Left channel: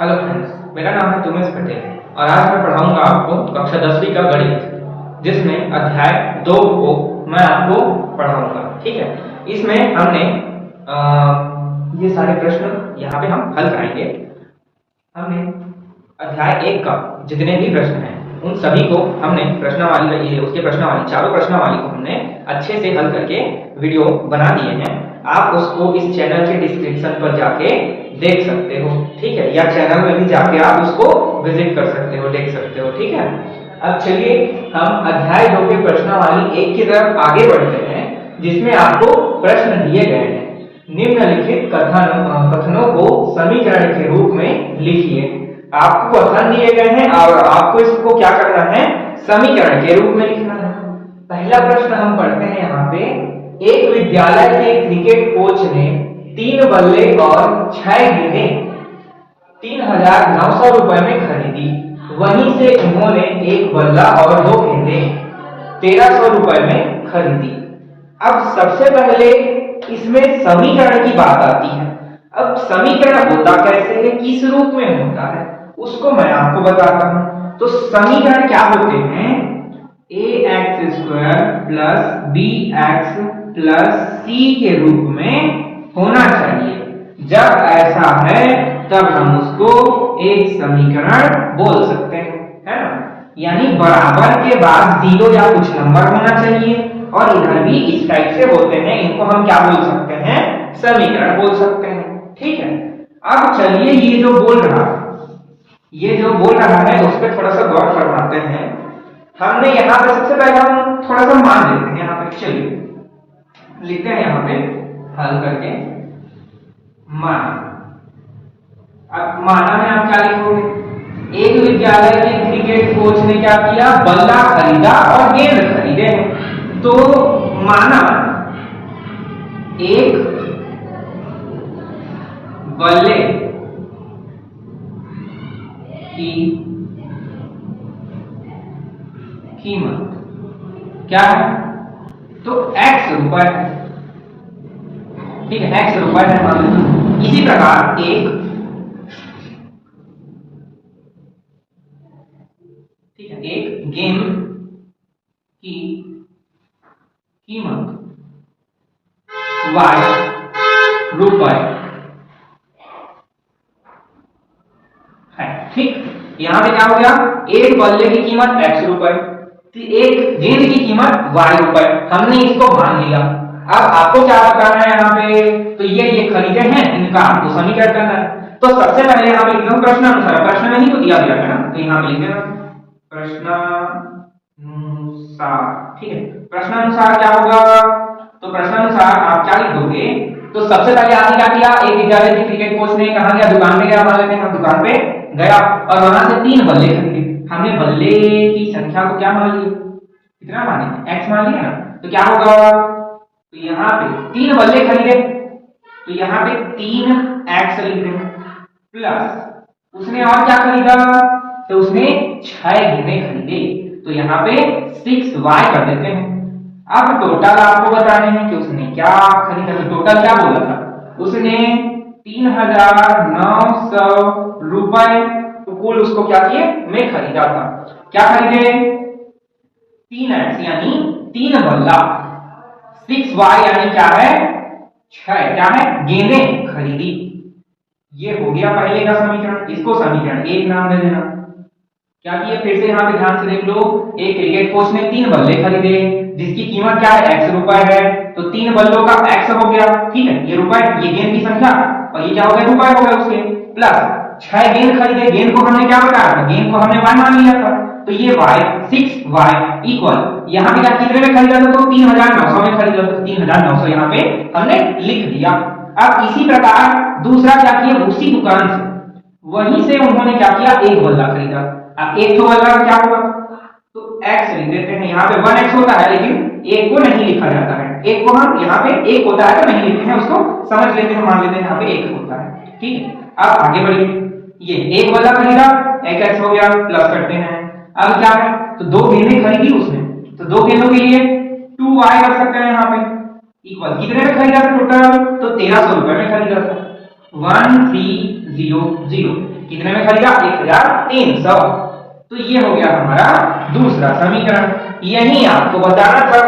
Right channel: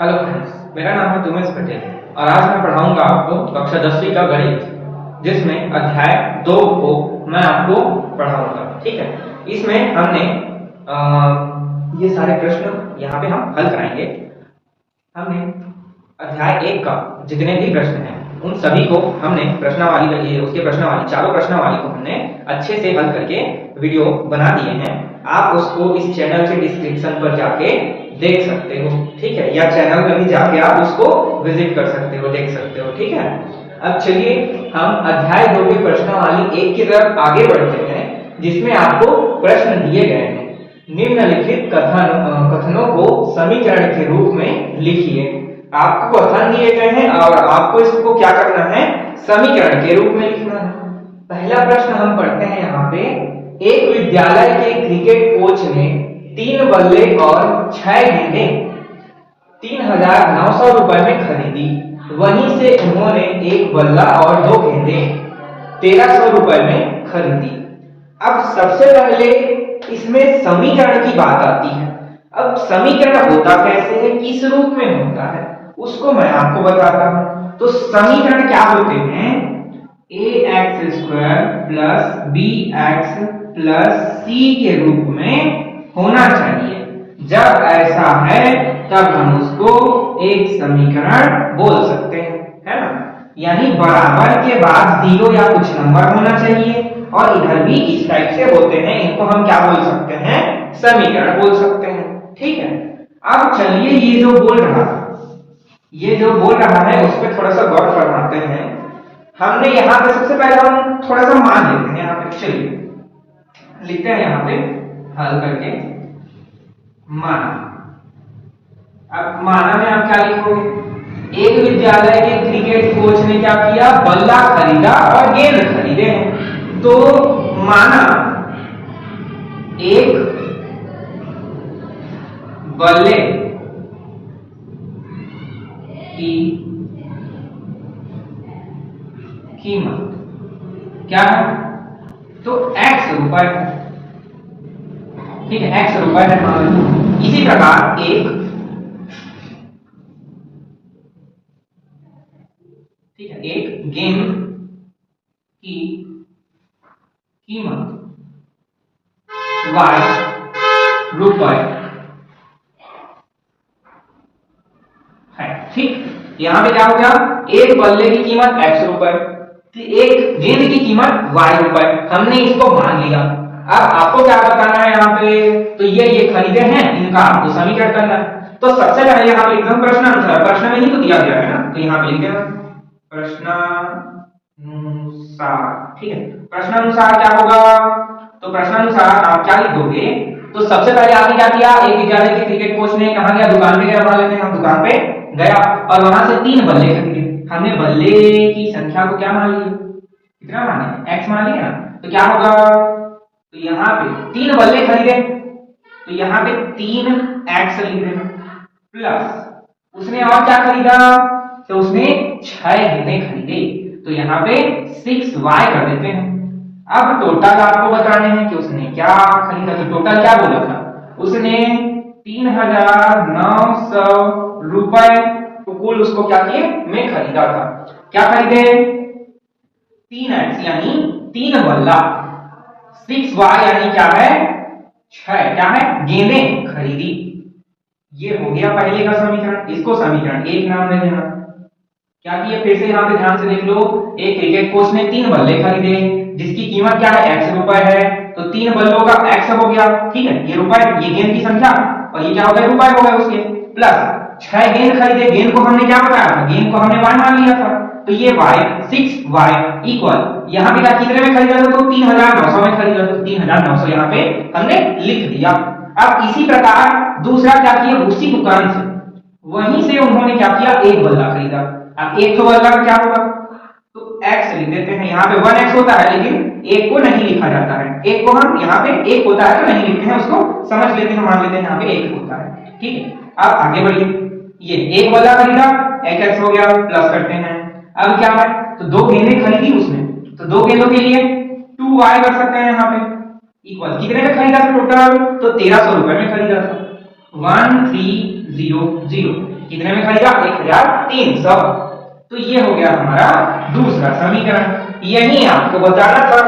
Hello friends, मेरा नाम है तुमेश पटेल और आज मैं पढ़ाऊंगा आपको कक्षा 10वीं का गणित, जिसमें अध्याय 2 को मैं आपको पढ़ाऊंगा। ठीक है, इसमें हमने ये सारे प्रश्न यहाँ पे हम हल कराएंगे। हमने अध्याय 1 का जितने भी प्रश्न हैं उन सभी को हमने प्रश्नावली उसके प्रश्नावली चारों प्रश्नावली को हमने अच्छे से हल करके वीडियो बना दिए हैं। आप उसको इस चैनल के डिस्क्रिप्शन पर जाके देख सकते हो। ठीक है, या चैनल में भी जाके आप उसको विजिट कर सकते हो, देख सकते हो। ठीक है, अब चलिए हम अध्याय 2 के प्रश्नावली 1 की तरफ आगे बढ़ते हैं, जिसमें आपको प्रश्न दिए गए हैं। निम्नलिखित कथनों को समीकरण के रूप में लिखिए। आपको कथन दिए गए हैं और आपको इसको क्या करना है, समीकरण के रूप में लिखना है। पहला प्रश्न हम पढ़ते हैं यहाँ पे। एक विद्यालय के क्रिकेट कोच ने 3 बल्ले और 6 गेंदें 3,900 रुपए में खरीदी। वहीं से उन्होंने एक बल्ला और 2 गेंदें 1,300 रुपए में खरीदी। अब सबसे पहले इसमें समीकरण की बात आती है। अब समीकरण होता कैसे है, किस रूप में होता है, उसको मैं आपको बताता हूं। तो समीकरण क्या होते हैं, ax² plus bx plus c के रूप में होना चाहिए। जब ऐसा है तब हम उसको एक समीकरण बोल सकते हैं, है ना। यानी बराबर के बाद 0 या कुछ नंबर होना चाहिए और इधर भी इस टाइप से होते हैं। इनको हम क्या बोल सकते हैं, समीकरण बोल सकते हैं। ठीक है, अब चलिए ये जो बोल रहा है उस पर थोड़ा सा गौर फरमाते हैं। हमने यहाँ पे सबसे पहले हम थोड़ा सा मान लेते हैं। यहाँ पे चलिए लिखते हैं, यहाँ पे हल करके माना। अब माना में आप क्या लिखोगे, एक विद्यालय के क्रिकेट कोच ने क्या किया, बल्ला खरीदा और गेंद खरीदे हैं। तो माना एक बल्ले की कीमत क्या है, तो x रुपए है। ठीक है, x रुपए है मान लीजिए। इसी प्रकार एक गेंद की कीमत y रुपए है। ठीक, यहां पे क्या हो गया, एक बल्ले की कीमत x रुपए, एक गेंद की कीमत y रुपए। हमने इसको मान लिया। अब आपको क्या बताना है यहाँ पे, तो ये खरीदे हैं, इनका आपको समीकरण करना है। तो सबसे पहले यहाँ पे एकदम प्रश्नानुसार, प्रश्न में ही तो दिया गया है ना, तो यहाँ पे लिख देना प्रश्नानुसार। ठीक है, प्रश्नानुसार क्या होगा, तो प्रश्नानुसार आप क्या लिख दोगे, तो सबसे पहले आपने क्या किया, एक विद्यालय के क्रिकेट कोच ने कहा गया, दुकान पे गया, मान लेते हैं हम, दुकान पे गया और वहां से 3 बल्ले खरीदे। हमने बल्ले की संख्या को क्या मान लिया, कितना माने, x मान लिया। तो क्या होगा, तो यहाँ पे 3 बल्ले खरीदे, तो यहाँ पे 3x लिख दें, प्लस उसने और क्या खरीदा, तो उसने 6 गेंदें खरीदे, तो यहाँ पे 6y कर देते हैं। अब टोटल आपको बताने हैं कि उसने क्या खरीदा। तो टोटल क्या बोला था, उसने 3,900 रुपए कुल उसको क्या किए में खरीदा था। क्या खरीदे, 3x यानी 3 बल्ला, 6y यानी क्या है, 6 क्या है, गेंदें खरीदी। ये हो गया पहले का समीकरण। इसको समीकरण 1 नाम दे देना। क्या किया, फिर से यहाँ पे ध्यान से देख लो। एक क्रिकेट कोच ने 3 बल्ले खरीदे जिसकी कीमत क्या है, x रुपए है। तो 3 बल्लों का x हो गया, ठीक है, ये रुपए, ये गेंद की संख्या और ये क्या हो गया, रुपए हो गए उसके, प्लस 6 गेंद खरीदे। गेंद को हमने क्या बताया था, गेंद को हमने y मान लिया था, तो ये y 6y इक्वल, यहाँ पे क्या कितने में खरीदा था, तो 3,900 में खरीदा था। 3,900 यहाँ पे हमने लिख दिया। अब इसी प्रकार दूसरा क्या किया, उसी दुकान से वहीं से उन्होंने क्या किया, एक बल्ला खरीदा। अब एक तो बल्ला का क्या होगा, तो x लिख देते हैं। यहाँ पे 1x होता है लेकिन एक को नहीं लिखा जाता है, एक को हम यहाँ पे एक होता है तो नहीं लिखते हैं, उसको समझ लेते हैं, मान लेते हैं यहाँ पे एक होता है। ठीक है, अब आगे बढ़िए। ये एक बल्ला खरीदा, 1x हो गया, प्लस करते हैं। अब क्या है, तो 2 गेंदें खरीदी उसने, तो 2 गेंदों के लिए 2y कर सकते हैं यहाँ पे, इक्वल कितने में खरीदा था टोटल, तो 1,300 रुपए में खरीदा था। 1300 कितने में खरीदा? 1300। तो ये हो गया हमारा दूसरा समीकरण। यही आपको बताना था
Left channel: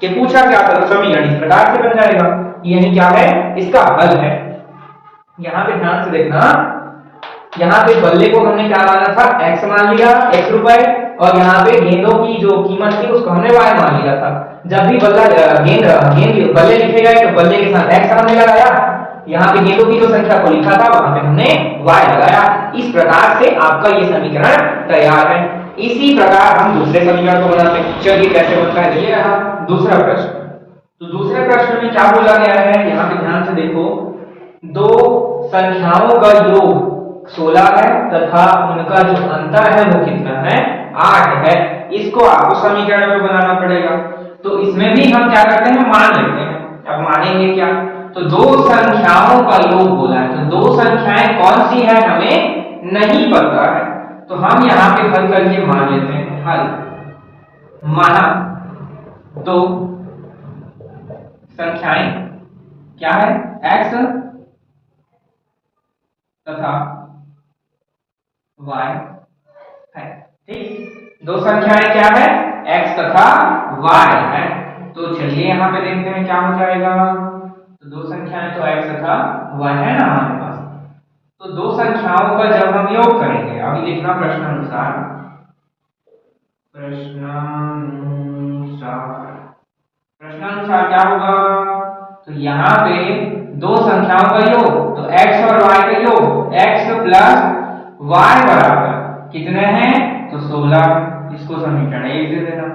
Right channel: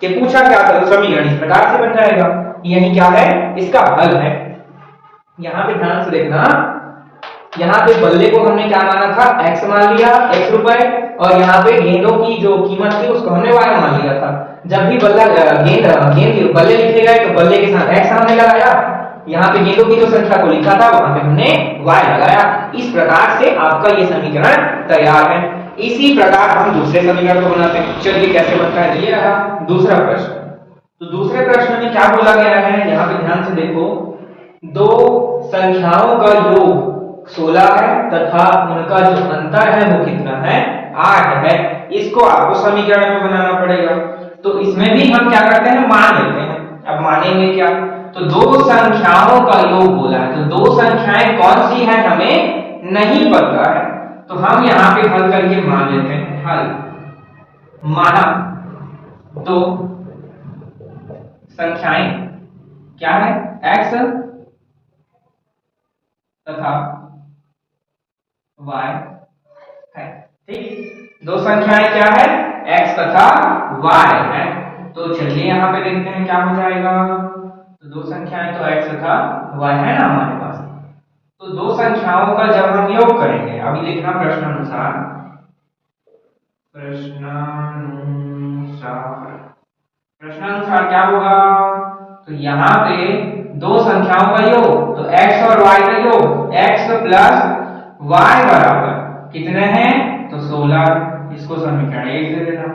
कि पूछा क्या था, तो समीकरण इस प्रकार से बन जाएगा। यही क्या है? इसका हल है। यहां पे ध्यान से देखना, यहाँ पे बल्ले को हमने क्या माना था? x मान लिया, x रुपए, और यहाँ पे गेंदों की जो कीमत थी उसको हमने y मान लिया था। जब भी बल्ला गेंद बल्ले लिखे गए तो बल्ले के साथ x हमने लगाया, यहाँ पे गेंदों की जो संख्या को लिखा था वहां पे हमने y लगाया। इस प्रकार से आपका ये समीकरण तैयार है। इसी प्रकार हम दूसरे समीकरण को बनाते हैं। चलिए कैसे बनता है, ये रहा दूसरा प्रश्न। तो दूसरे प्रश्न में क्या बोला गया है, यहाँ पे ध्यान से देखो, दो संख्याओं का योग 16 है तथा उनका जो अंतर है वो कितना है? 8 है। इसको आपको समीकरण में बनाना पड़ेगा। तो इसमें भी हम क्या करते हैं? मान लेते हैं। अब मानेंगे क्या? तो दो संख्याओं का योग बोला है, तो दो संख्याएं कौन सी है हमें नहीं पता है, तो हम यहाँ पे हल करके मान लेते हैं। हल माना दो संख्याएं क्या है? x तथा y है। ठीक, दो संख्याएं क्या है? x तथा y है। तो चलिए यहाँ पे देखते हैं क्या हो जाएगा। तो दो संख्याएं तो x तथा y है ना हमारे पास। तो दो संख्याओं का जब हम योग करेंगे, अभी देखना प्रश्नानुसार क्या होगा। तो यहाँ पे दो संख्याओं का योग, तो x और y का योग, x प्लस y बराबर कितने हैं? तो 16। इसको समीकरण 1 दे देना।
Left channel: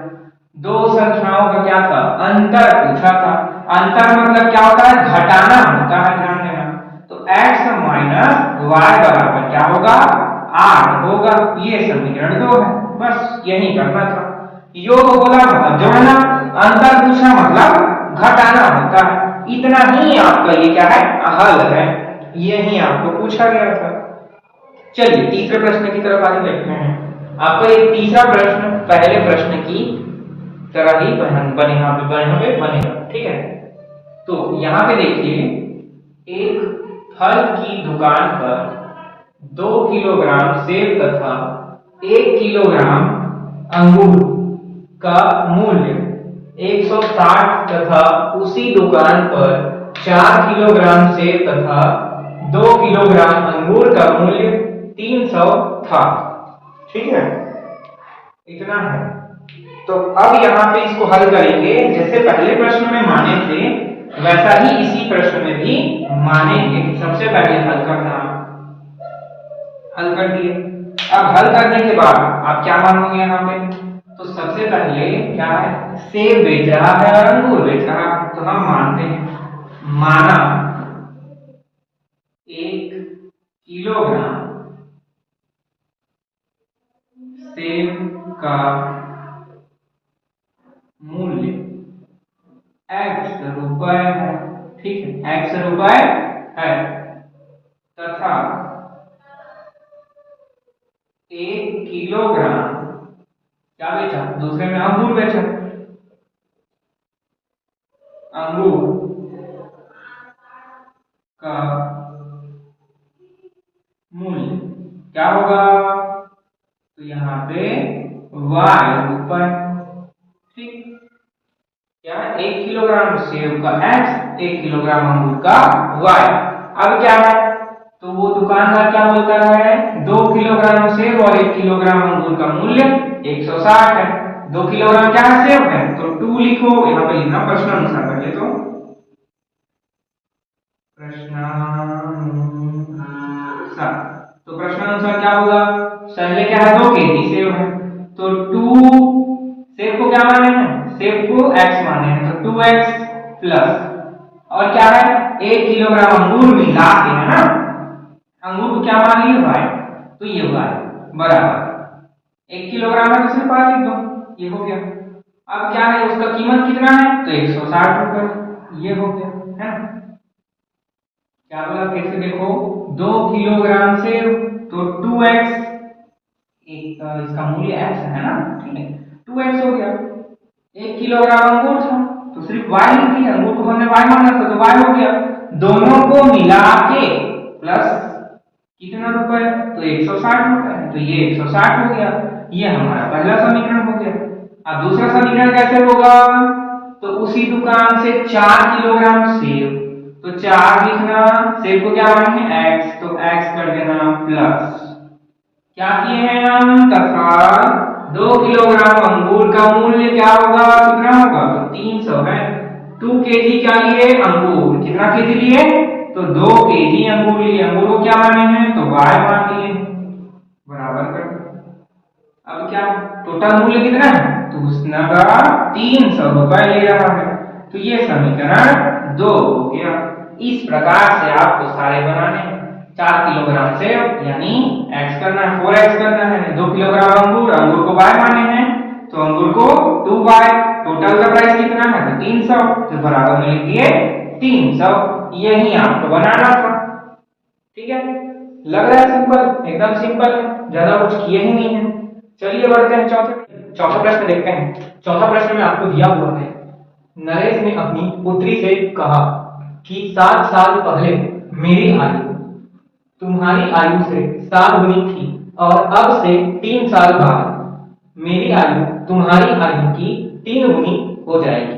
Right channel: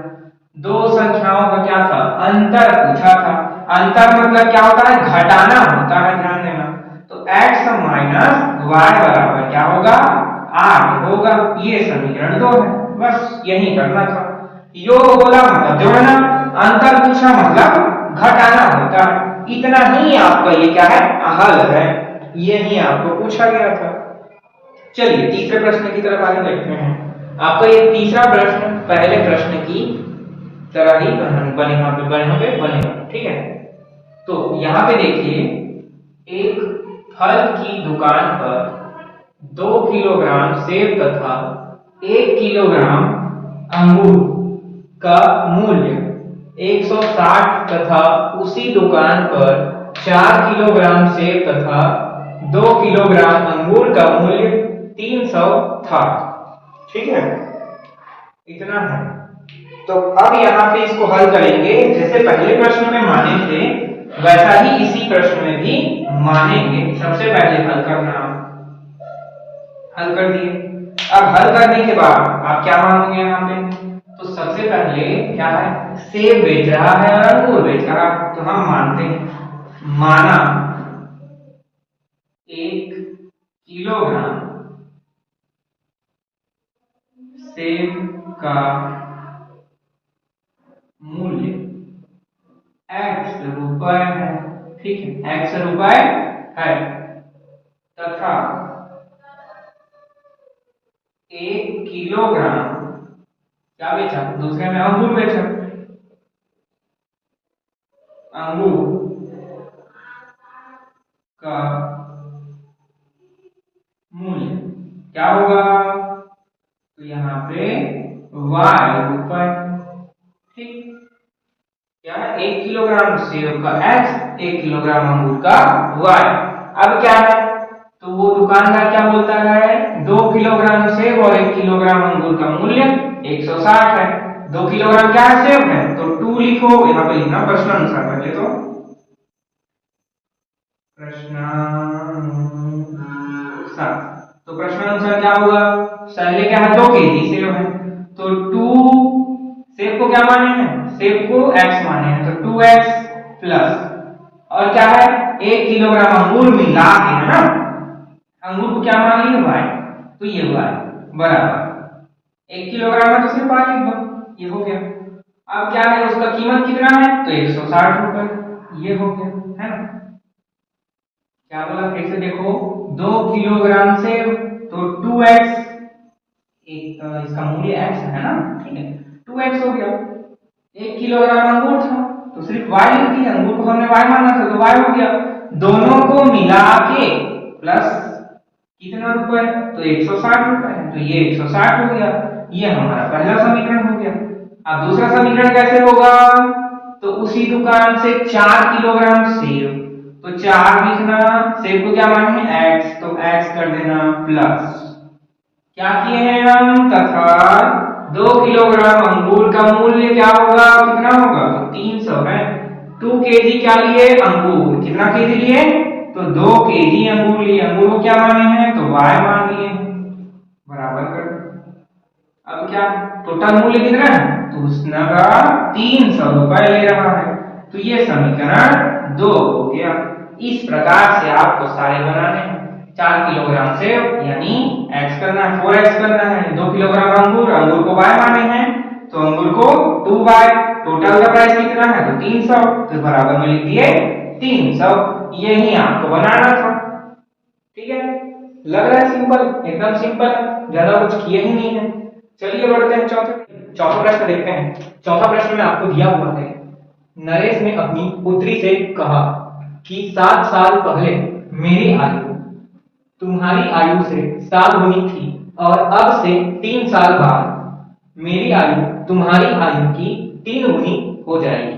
दो संख्याओं का क्या था? अंतर पूछा था। अंतर मतलब क्या होता है? घटाना होता है, ध्यान देना। तो x माइनस y बराबर क्या होगा? 8 होगा। ये समीकरण 2 है। बस यही करना था। योग बोला मतलब जोड़ना, अंतर पूछा मतलब घटाना होता है। इतना ही आपका ये क्या है? हल है। यही आपको पूछा गया था। चलिए तीसरे प्रश्न की तरफ आगे देखते हैं। आपका ये तीसरा प्रश्न पहले प्रश्न की तरह ही बनेगा। ठीक है, तो यहाँ पे देखिए, एक फल की दुकान पर 2 किलोग्राम सेब तथा 1 किलोग्राम अंगूर का मूल्य 160 तथा उसी दुकान पर 4 किलोग्राम सेब तथा 2 किलोग्राम अंगूर का मूल्य 300 था। ठीक है, इतना है। तो अब यहाँ पे इसको हल करेंगे, जैसे पहले प्रश्न में माने थे वैसा ही इसी प्रश्न में भी मानेंगे। सबसे पहले हल करना, हल कर दिए। अब हल करने के बाद आप क्या मानोगे यहाँ पे? तो सबसे पहले क्या है? सेब बेच रहा है और अंगूर बेच रहा है, तो हम मानते हैं। माना 1 किलोग्राम सेब का मूल्य x रुपए है। ठीक है, x रुपए है तथा 1 किलोग्राम क्या बेचा? दूसरे में अंगूर बेचा। अंगूर का मूल्य क्या होगा? तो यहाँ पे y रुपए। ठीक, क्या है? 1 किलोग्राम सेब का x, 1 किलोग्राम अंगूर का y। अब क्या है? तो वो दुकानदार क्या बोलता है? 2 किलोग्राम सेब और 1 किलोग्राम अंगूर का मूल्य 160 है। 2 किलोग्राम क्या है? सेब है, तो 2 लिखो। यहाँ पे लिखना प्रश्नानुसार करके, तो प्रश्नानुसार क्या होगा? पहले क्या है? 2 केजी सेब है, तो 2 सेब को क्या माने हैं? सेब को x माने हैं, तो 2x प्लस और क्या है? 1 किलोग्राम अंगूर मिला के, है ना, अंगूर को क्या मान लिए? y। तो ये y बराबर 1 किलोग्राम है तो सिर्फ y लिख दो, ये हो गया। अब क्या है? उसका कीमत कितना है? तो 160 रुपए। ये हो गया, है ना। क्या बोला फिर से देखो, 2 किलोग्राम सेब, तो 2x, एक इसका मूल्य x है ना, ठीक है, 2x हो गया। 1 किलोग्राम अंगूर था तो सिर्फ y लिख दिया, अंगूर को हमने y माना था तो y हो गया। दोनों को मिला के प्लस कितना रुपए, तो 160 रुपए, तो ये 160 हो गया। ये हमारा पहला समीकरण हो गया। अब दूसरा समीकरण कैसे होगा, तो उसी दुकान से 4 किलोग्राम सेब, तो 4 लिखना, सेब को क्या माने हैं x, तो x कर देना प्लस क्या किए हैं हम, तथा 2 किलोग्राम अंगूर का मूल्य क्या होगा, कितना होगा, तो 300 है। 2 केजी क्या लिए, अंगूर, कितना केजी लिए, तो 2 केजी अंगूर लिए। अंगूर को क्या माने हैं, तो y मान लिए, बराबर कर। अब क्या टोटल मूल्य कितना है, तो उसने का 300 रुपए ले रहा है, तो ये समीकरण 2 हो गया। इस प्रकार से आपको सारे बनाने हैं। 4 किलोग्राम सेब यानी x करना है, 4x करना है, 2 किलोग्राम अंगूर, अंगूर को y माने हैं, तो अंगूर को 2y, टोटल का प्राइस कितना है, तो 300, तो बराबर में लिख दिए 300। यही आपको बनाना था। ठीक है, लग रहा है सिंपल, एकदम सिंपल है, ज्यादा कुछ किए ही नहीं है। चलिए बढ़ते हैं चौथा प्रश्न देखते हैं। चौथा प्रश्न में आपको दिया हुआ है, नरेश ने अपनी पुत्री से कहा कि 7 साल पहले मेरी आयु तुम्हारी आयु से 7 गुनी थी और अब से 3 साल बाद मेरी आयु तुम्हारी आयु की 3 गुनी हो जाएगी।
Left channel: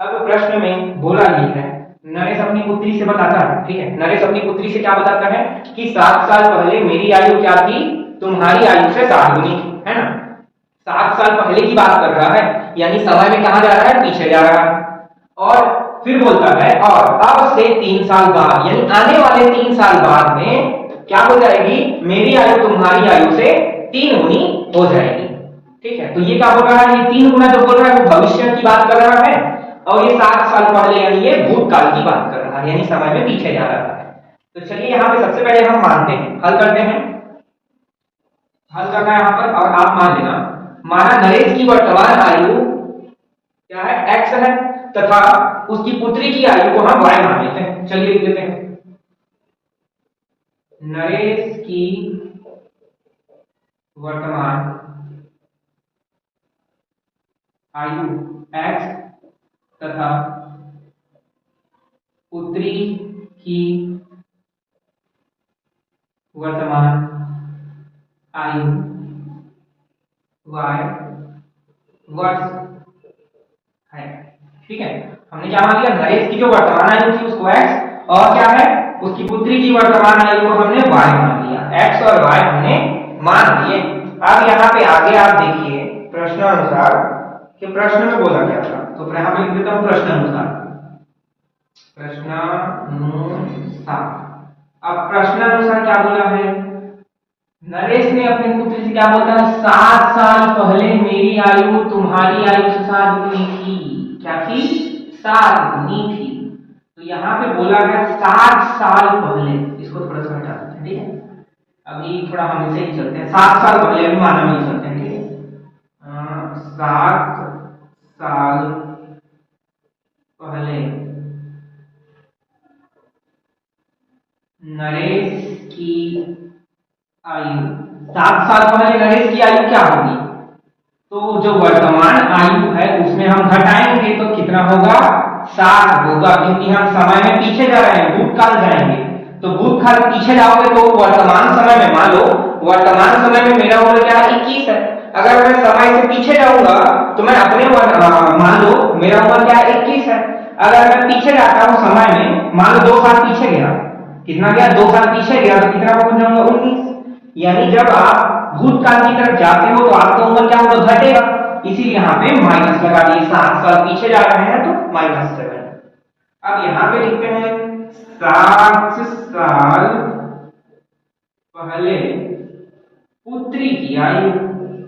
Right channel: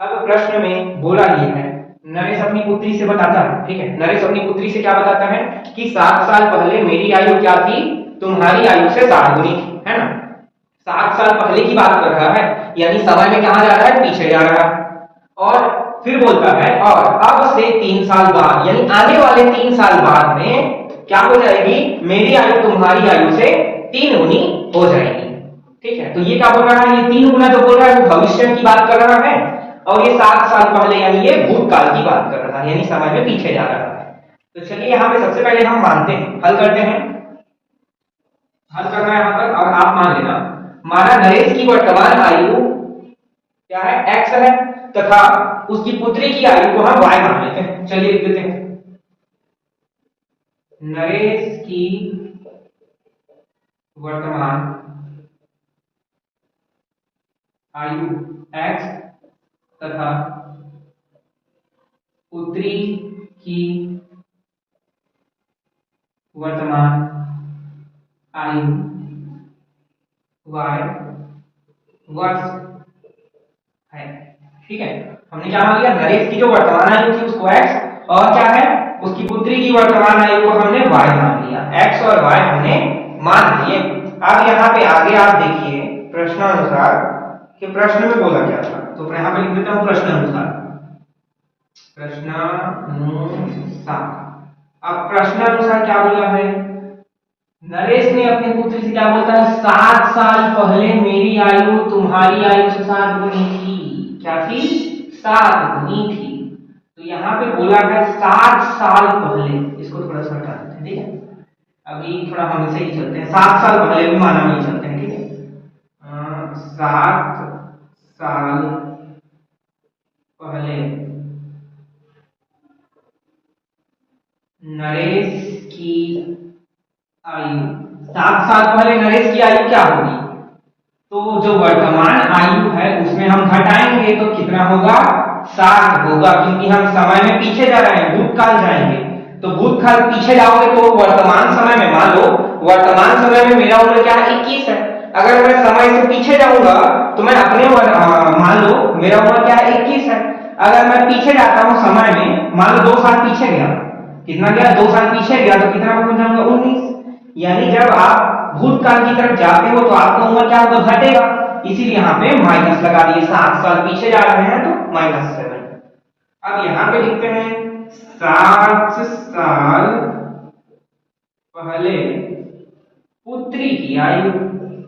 अब प्रश्न में बोला ये है, नरेश अपनी पुत्री से बताता है, ठीक है, नरेश अपनी पुत्री से क्या बताता है कि 7 साल पहले मेरी आयु क्या थी, तुम्हारी आयु से 7 गुनी थी, है ना। 7 साल पहले की बात कर रहा है, यानी समय में कहां जा रहा है, पीछे जा रहा है। और फिर बोलता है और अब से 3 साल बाद, यानी आने वाले 3 साल बाद में क्या हो जाएगी, मेरी आयु तुम्हारी आयु से 3 गुनी हो जाएगी। ठीक है, तो ये क्या बोल रहा है, ये 3 गुना जो बोल रहा है वो भविष्य की बात कर रहा है, और ये 7 साल पहले यानी ये भूतकाल की बात कर रहा है, यानी समय में पीछे जा रहा है। तो चलिए यहाँ पे सबसे पहले हम मानते हैं, हल करते हैं, हल करना है यहाँ पर, और आप मान लेना। माना नरेश की वर्तमान आयु क्या है, x है, तथा उसकी पुत्री की आयु को हम y मान लेते हैं। चलिए लिख देते हैं, नरेश की वर्तमान आयु x तथा पुत्री की वर्तमान आयु y वर्ष है। ठीक है, हमने क्या मान लिया, नरेश की जो वर्तमान आयु थी उसको x, और क्या है, उसकी पुत्री की वर्तमान आयु को हमने y मान लिया, x और y हमने मान लिए। अब यहाँ पे आगे आप देखिए प्रश्नानुसार कि प्रश्न में बोला क्या था, तो यहाँ पे लिख देता हूं प्रश्नानुसार, प्रश्नानुसार। अब प्रश्नानुसार क्या बोला है, नरेश ने अपनी पुत्री से क्या बोलता है, 7 साल पहले मेरी आयु तुम्हारी आयु से 7 गुनी थी, क्या थी, 7 गुनी थी। तो यहाँ पे बोला गया 7 साल पहले, इसको थोड़ा सा हटा देते हैं, ठीक है, अभी थोड़ा हम इसे ही चलते हैं, 7 साल पहले भी माना नहीं चलते हैं, ठीक है, 7 साल पहले नरेश की आयु, 7 साल पहले नरेश की आयु क्या होगी, तो जो वर्तमान आयु है उसमें हम घटाएंगे तो कितना होगा, 7 होगा, क्योंकि हम समय में पीछे जा रहे हैं, भूतकाल जाएंगे, तो भूतकाल पीछे जाओगे तो वर्तमान समय में, मान लो वर्तमान समय में मेरा उम्र क्या है, 21 है। अगर मैं समय से पीछे जाऊंगा तो मैं अपने मान लो मेरा उम्र क्या है, 21 है। अगर मैं पीछे जाता हूं समय में, मान लो 2 साल पीछे गया, कितना गया, 2 साल पीछे गया, तो कितना पहुंच जाऊंगा, 19। यानी जब आप भूतकाल की तरफ जाते हो तो आपका उम्र क्या होगा, घटेगा, इसीलिए यहाँ पे माइनस लगा दिए, 7 साल पीछे जा रहे हैं तो -7। अब यहाँ पे लिखते हैं 7 साल पहले पुत्री की आयु,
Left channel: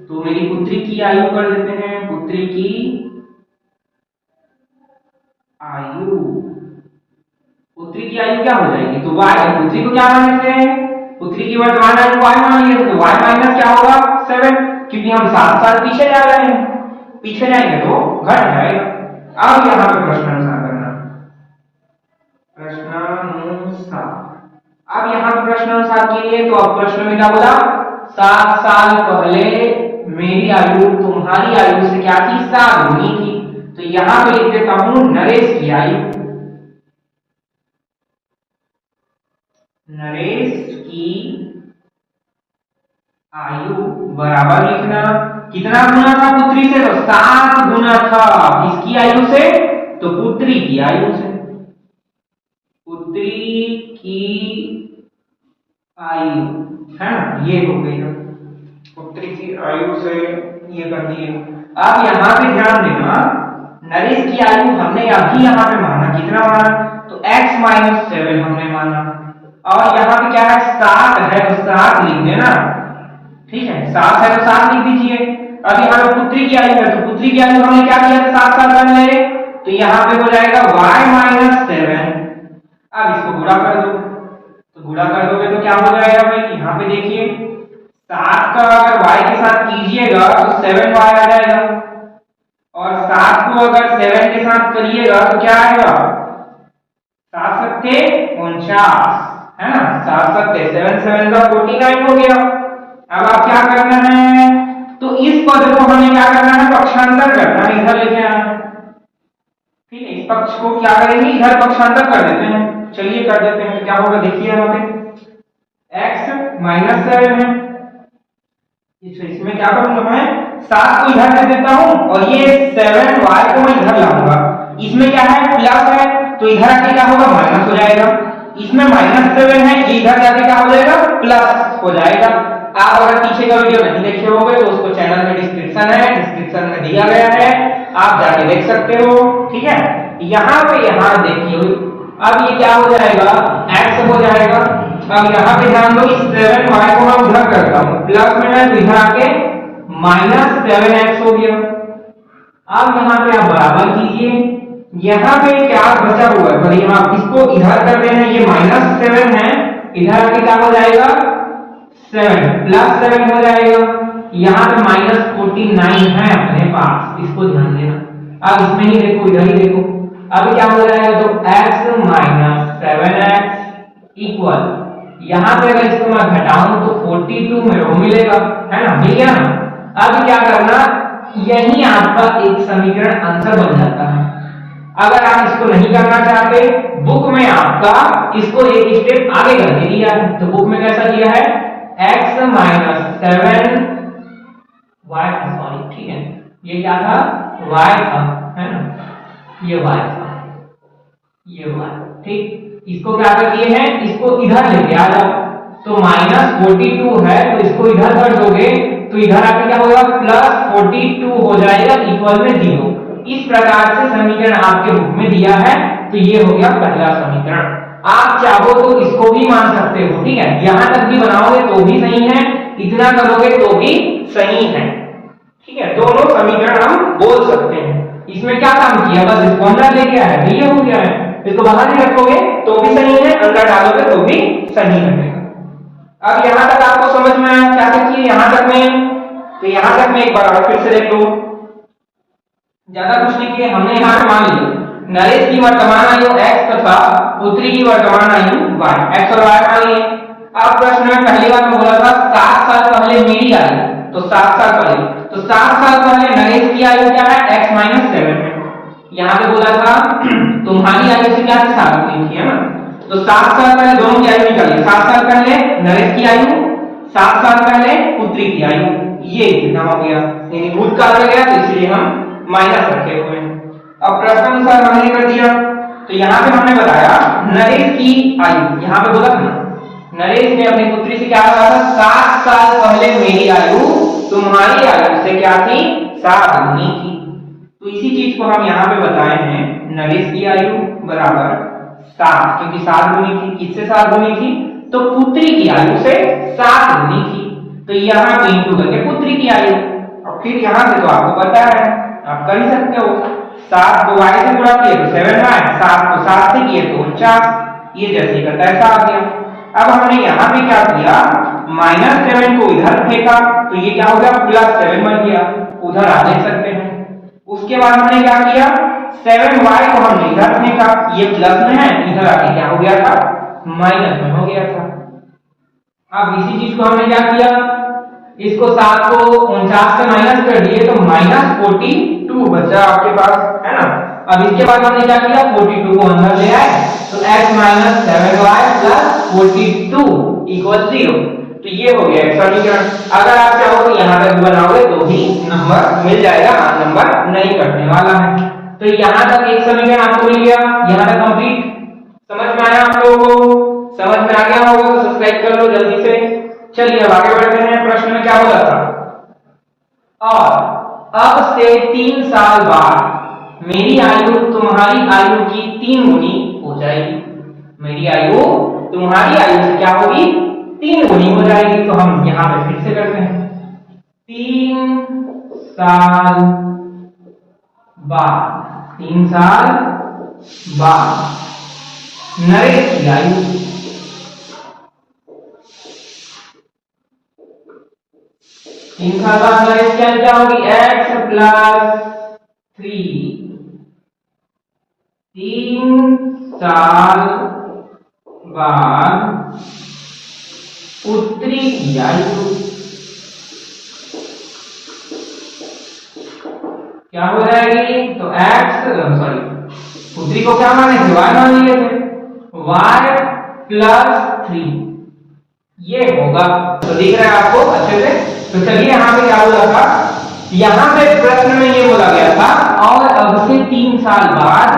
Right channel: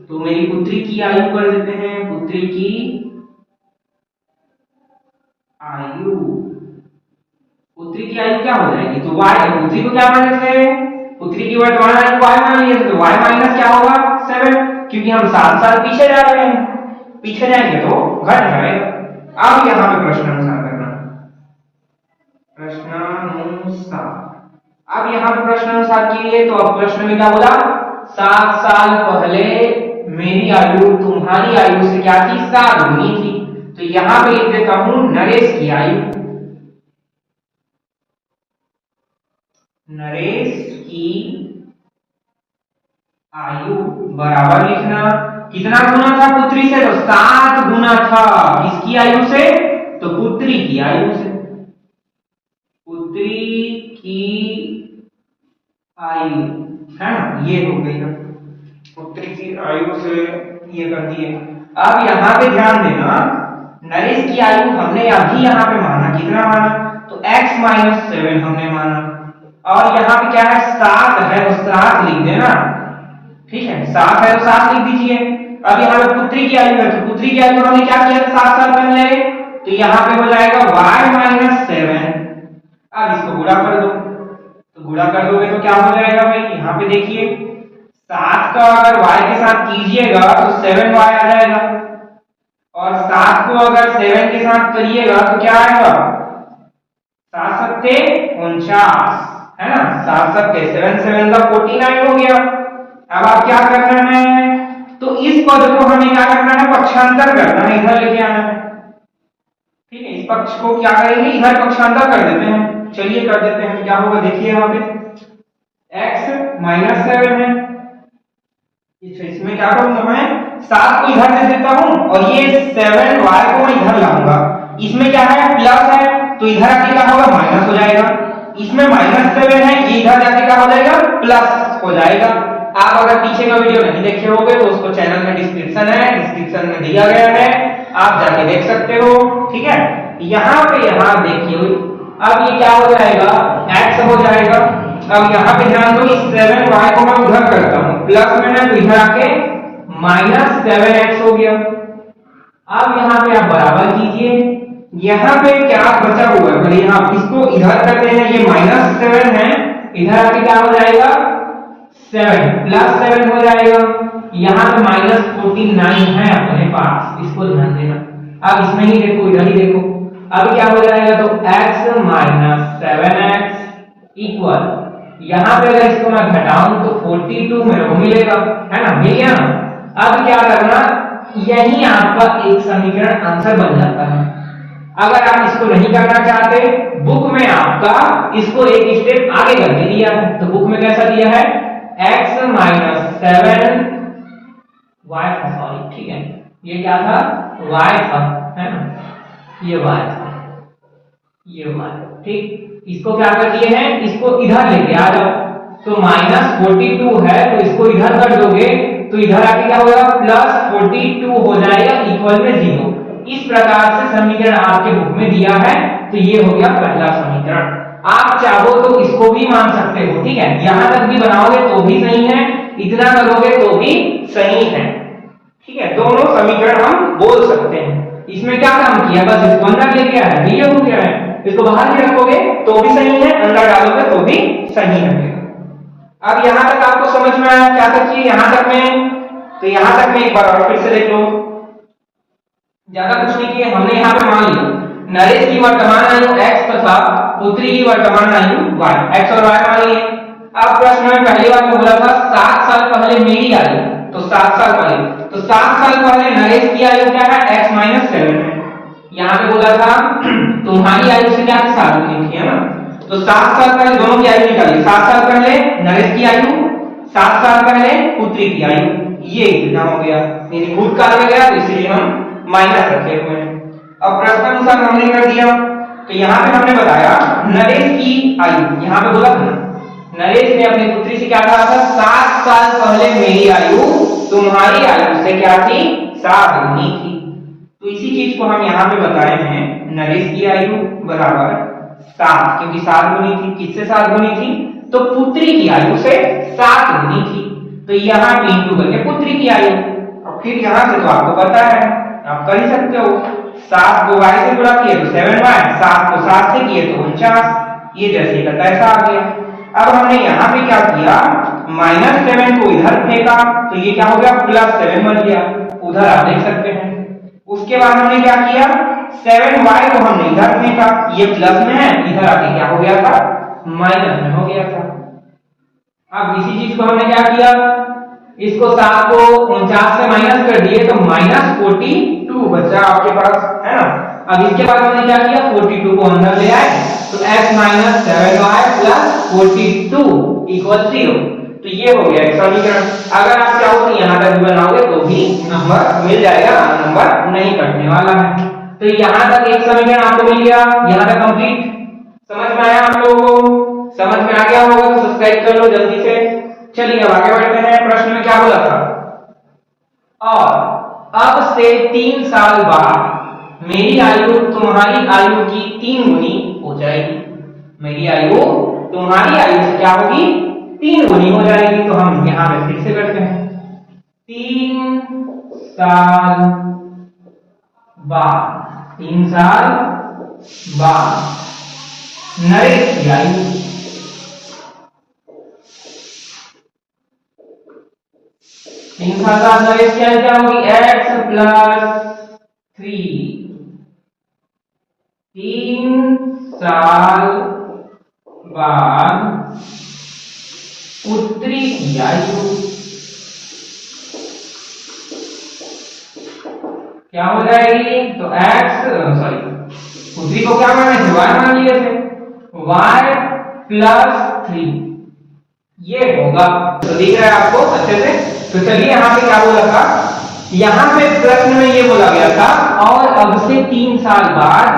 तो मेरी पुत्री की आयु कर देते हैं, पुत्री की आयु, पुत्री की आयु क्या हो जाएगी, तो y, पुत्री को क्या मान लेते हैं, पुत्री की वर्तमान आयु y मान लिए, तो y माइनस क्या होगा, 7, क्योंकि हम 7 साल पीछे जा रहे हैं, पीछे जाएंगे तो घट जाएगा। अब यहाँ पे प्रश्नानुसार करना, प्रश्नानुसार। अब यहाँ पे प्रश्नानुसार किए तो अब प्रश्न में क्या बोला, 7 साल पहले मेरी आयु तुम्हारी आयु से क्या थी, 7 गुनी थी, तो यहाँ पे लिख देता हूं नरेश की की आयु बराबर लिखना, कितना गुना था पुत्री से, तो 7 गुना था। किसकी आयु से, तो पुत्री की आयु से। पुत्री की आयु है ना, ये हो गई ना, पुत्री की आयु से ये कर दिए। अब यहाँ पे ध्यान देना, नरेश की आयु हमने अभी यहाँ पे माना, कितना माना, तो x - 7 हमने माना। और यहाँ पे क्या है, 7 है तो 7 लिख देना, ठीक है, 7 है तो 7 लिख दीजिए। अब यहाँ पे पुत्री की आयु है, तो पुत्री की आयु हमने क्या किया, 7 साल पहले, तो यहाँ पे हो जाएगा y - 7। अब इसको गुणा कर दो, तो गुणा कर दोगे तो क्या हो जाएगा भाई, यहाँ पे देखिए 7 का अगर y के साथ कीजिएगा तो 7y आ जाएगा, और 7 को अगर 7 के साथ करिएगा तो क्या आएगा, 7 सत्ते 49, है ना, 7 सत्ते 7 7 का 49 हो गया। अब आप क्या करना है, तो इस पद को हमें क्या करना है, पक्षांतर करना है, इधर लेके आना है, ठीक है। इस पक्ष को क्या करेंगे, इधर पक्षांतर कर देते हैं, चलिए कर देते हैं। तो क्या होगा, देखिए यहाँ पे x - 7 है, इसमें क्या करूंगा मैं, 7 को इधर दे देता हूं और ये 7y को मैं इधर लाऊंगा। इसमें क्या है, प्लस है, तो इधर आके क्या होगा, माइनस हो जाएगा। इसमें -7 है, ये इधर जाके क्या हो जाएगा, प्लस हो जाएगा। आप अगर पीछे का वीडियो नहीं देखे होगे तो उसको चैनल में डिस्क्रिप्शन है, डिस्क्रिप्शन में दिया गया है, आप जाके देख सकते हो, ठीक है। यहाँ पे यहाँ देखिए, अब ये क्या हो जाएगा, x हो जाएगा। अब यहाँ पे ध्यान दो, इस 7y को मैं उधर करता हूँ, प्लस में है तो इधर आके -7x हो गया। अब यहाँ पे आप बराबर कीजिए, यहाँ पे क्या बचा हुआ है, भले यहाँ इसको इधर करते हैं, ये -7 है, इधर आके क्या हो जाएगा, 7 + 7 हो जाएगा। यहाँ पे -49 है अपने पास, इसको ध्यान देना। अब इसमें ही देखो, इधर ही देखो, अब क्या हो जाएगा, तो x - 7x इक्वल, यहाँ पे अगर इसको मैं घटाऊं तो 42 मेरे को मिलेगा, है ना, मिल गया ना। अब क्या करना, यही आपका एक समीकरण आंसर बन जाता है। अगर आप इसको नहीं करना चाहते, बुक में आपका इसको एक स्टेप आगे करके दिया है, तो बुक में कैसा दिया है, x - 7y, सॉरी, ठीक है, ये क्या था, y था, है ना, ये y था, ये y, ठीक। इसको क्या कर दिए हैं, इसको इधर लेके आ जाओ, तो -42 है तो इसको इधर कर दोगे तो इधर आके क्या होगा, +42 हो जाएगा, इक्वल में 0। इस प्रकार से समीकरण आपके बुक में दिया है, तो ये हो गया पहला समीकरण। आप चाहो तो इसको भी मान सकते हो, ठीक है, यहां तक भी बनाओगे तो भी सही है, इतना करोगे तो भी सही है, ठीक है, दोनों समीकरण हम बोल सकते हैं। इसमें क्या काम किया, बस इसको अंदर ले गया है, ये हो गया है। इसको बाहर भी रखोगे तो भी सही है, अंदर डालोगे तो भी सही रहेगा। अब यहां तक आपको समझ में आया, क्या क्या किए यहां तक में, तो यहां तक में एक बार और फिर से देख लो, ज्यादा कुछ नहीं किए हमने। यहाँ पे मान लिया नरेश की वर्तमान आयु x तथा पुत्री की वर्तमान आयु y, x और y मान लिए। अब प्रश्न में पहली बार में बोला था 7 साल पहले मेरी आयु, तो 7 साल पहले, तो 7 साल पहले नरेश की आयु क्या है, x - 7 है। यहाँ पे बोला था तुम्हारी आयु से क्या 7 गुनी थी, है ना, तो 7 साल पहले दोनों की आयु निकालिए। 7 साल पहले नरेश की आयु, 7 साल पहले पुत्री की आयु, ये कितना हो गया, यानी भूतकाल में गया, तो इसलिए हम माइनस रखे हुए हैं। अब प्रश्नानुसार हमने कर दिया, तो यहाँ पे हमने बताया नरेश की आयु, यहाँ पे बोला था नरेश ने अपनी पुत्री से क्या कहा था, 7 साल पहले मेरी आयु तुम्हारी आयु से क्या थी, 7 गुनी थी। तो इसी चीज को हम यहाँ पे बताए हैं, नरेश की आयु बराबर 7, क्योंकि 7 गुनी थी, किससे 7 गुनी थी, तो पुत्री की आयु से 7 गुनी थी। तो यहाँ पे इंटू करके पुत्री की आयु, और फिर यहाँ से तो आपको पता है, आप कर ही सकते हो, 7 को y से गुणा किए तो 7y, 7 को 7 से किए तो 49, ये जैसे करता है ऐसा आ गया। अब हमने यहाँ पे क्या किया, -7 को इधर फेंका, तो ये क्या हो गया, +7 बन गया, उधर आप देख सकते हैं। उसके बाद हमने क्या किया, 7y को हमने इधर फेंका, ये प्लस में है, इधर आके क्या हो गया था, माइनस में हो गया था। अब इसी चीज को हमने क्या किया, इसको 7 को 49 से माइनस कर दिए तो -42 बचा आपके पास, है ना। अब इसके बाद हमने क्या किया, 42 को अंदर ले आए, तो x - 7y + 42 इक्वल 0। तो ये हो गया एक समीकरण। अगर आप चाहो तो यहाँ तक बनाओगे तो भी नंबर मिल जाएगा, नंबर नहीं कटने वाला है। तो यहाँ तक एक समीकरण आपको मिल गया, यहाँ तक कंप्लीट। समझ में आया आप लोगों को? समझ में आ गया होगा तो सब्सक्राइब कर लो जल्दी से। चलिए अब आगे बढ़ते हैं। प्रश्न में क्या बोला था? और अब से 3 साल बाद मेरी आयु तुम्हारी आयु की 3 गुनी हो जाएगी। मेरी आयु तुम्हारी आयु से क्या होगी? 3 गुनी हो जाएगी। तो हम यहां पे फिर से करते हैं। 3 साल बाद, 3 साल बाद नरेश की आयु, तीन साल बाद नरेश की आयु क्या होगी? x plus 3। 3 साल बाद पुत्री की आयु क्या हो जाएगी? तो पुत्री को क्या माने थे? y मान लिए थे। y प्लस 3 ये होगा। तो दिख रहा है आपको अच्छे से? तो चलिए यहाँ पे क्या बोला था? यहाँ पे प्रश्न में ये बोला गया था और अब से 3 साल बाद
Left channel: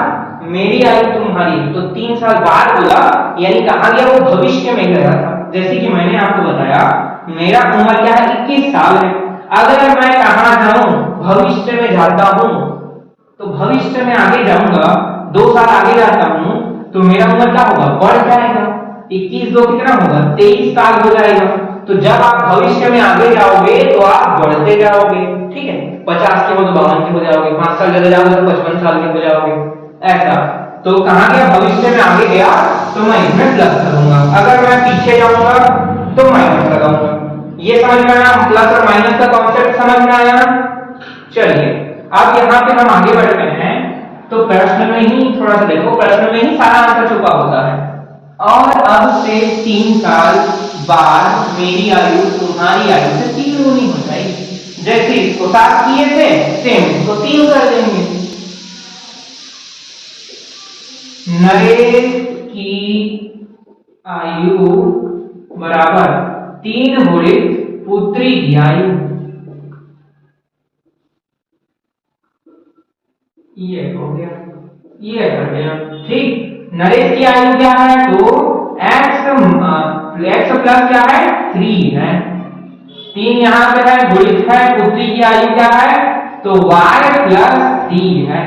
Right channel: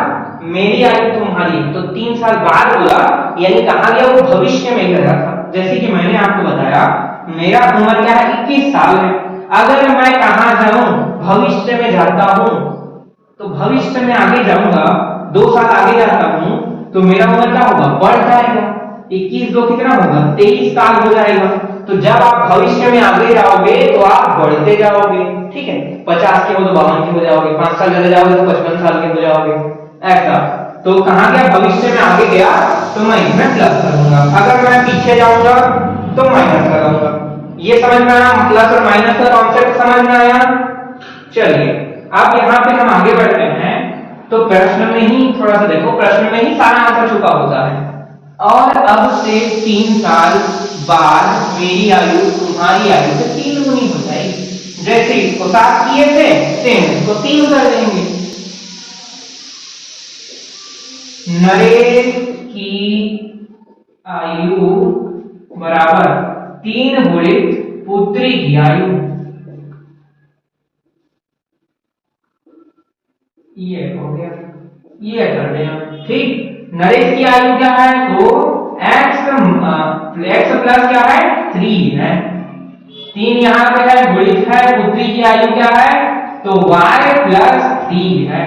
मेरी आयु तुम्हारी। तो 3 साल बाद बोला, यानी कहा गया वो भविष्य में गया था। जैसे कि मैंने आपको बताया मेरा उम्र क्या है? 21 साल है। अगर मैं कहां जाऊं? भविष्य में जाता हूं, तो भविष्य में आगे जाऊंगा, 2 साल आगे जाता हूं, तो मेरा उम्र क्या होगा? बढ़ जाएगा। 21 2 कितना होगा? 23 साल हो जाएगा। तो जब आप भविष्य में आगे जाओगे तो आप बढ़ते जाओगे, ठीक है? 50 के हो तो 52 के हो जाओगे, 5 साल चले जाओगे तो 55 साल के हो जाओगे, ऐसा। तो कहां गया? भविष्य में आगे गया तो मैं इसमें प्लस करूंगा, अगर मैं पीछे जाऊंगा तो माइनस लगाऊंगा। ये समझ में आया? प्लस और माइनस का कॉन्सेप्ट समझ में आया? चलिए अब यहाँ पे हम आगे बढ़ते हैं। तो प्रश्न में ही थोड़ा सा देखो, प्रश्न में ही सारा आंसर छुपा होता है। और अब से 3 साल बाद मेरी आयु तुम्हारी आयु से 3 गुनी हो जाएगी। जैसे इसको 7 किए थे सेम इसको 3 कर देंगे। नरेश की आयु बराबर 3 गुणित पुत्री की आयु। ये हो गया, ये कर दें। ठीक, नरेश की आयु क्या है? तो x प्लस क्या है? 3 है। 3 यहाँ पे है, गुणित है, पुत्री की आयु क्या है? तो y प्लस 3 है।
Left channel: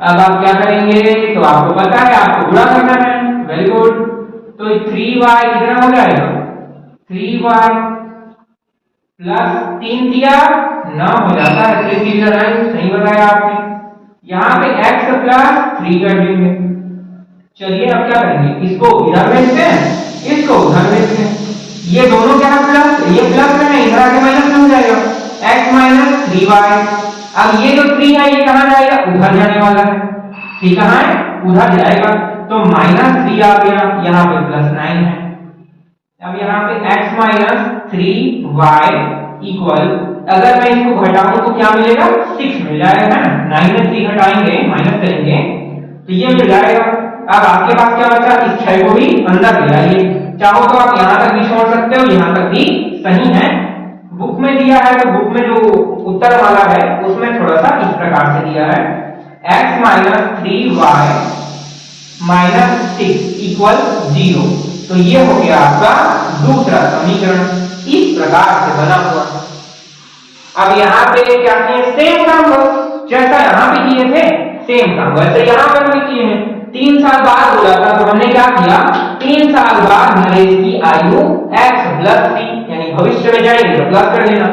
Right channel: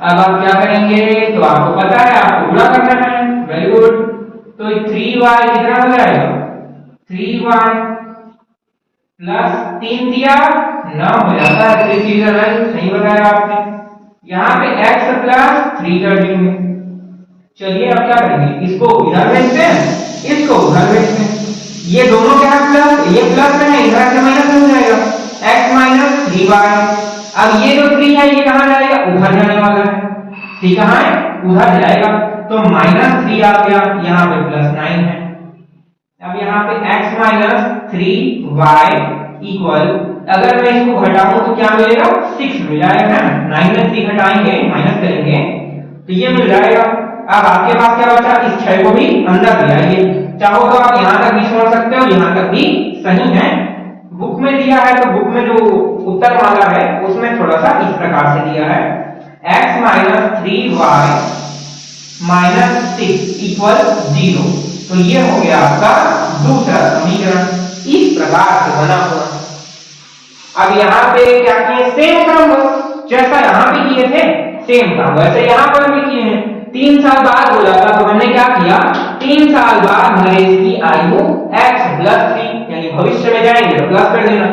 अब आप क्या करेंगे? तो आपको पता है आपको गुणा करना है। Very good. तो 3y कितना हो जाएगा? 3y प्लस 3 दिया 9 हो जाता है। 3 सही बताया आपने। यहाँ पे x प्लस 3 कर देंगे। चलिए अब क्या करेंगे? इसको इधर भेजते हैं, इसको उधर भेजते हैं। ये दोनों क्या है? प्लस, ये प्लस में है, इधर से माइनस में हो जाएगा। x minus 3y। अब ये जो 3 है ये कहां जाएगा? उधर जाने वाला है। ठीक है, उधर जाएगा तो माइनस 3 आ गया, यहाँ पे प्लस 9 है। अब यहाँ पे x माइनस 3y इक्वल, अगर मैं इसको घटाऊं तो क्या मिलेगा? 6 मिल जाएगा, है ना? 9 में 3 घटाएंगे, माइनस करेंगे तो ये मिल जाएगा। अब आपके पास क्या बचा? इस 6 को भी अंदर ले आइए। चाहो तो आप यहाँ तक भी छोड़ सकते हो, यहाँ तक भी सही है। बुक में दिया है तो बुक में जो उत्तर वाला है उसमें थोड़ा सा इस प्रकार से दिया है, x minus 3y minus 6 equal 0। तो ये हो गया आपका दूसरा समीकरण, इस प्रकार से बना हुआ है। अब यहाँ पे क्या किए? सेम काम जैसा यहाँ पे किए थे सेम काम वैसे यहाँ पर भी किए हैं। 3 साल बाद बोला था तो हमने क्या किया? 3 साल बाद नरेश की आयु x प्लस 3, यानी भविष्य में जाएंगे तो प्लस कर देना।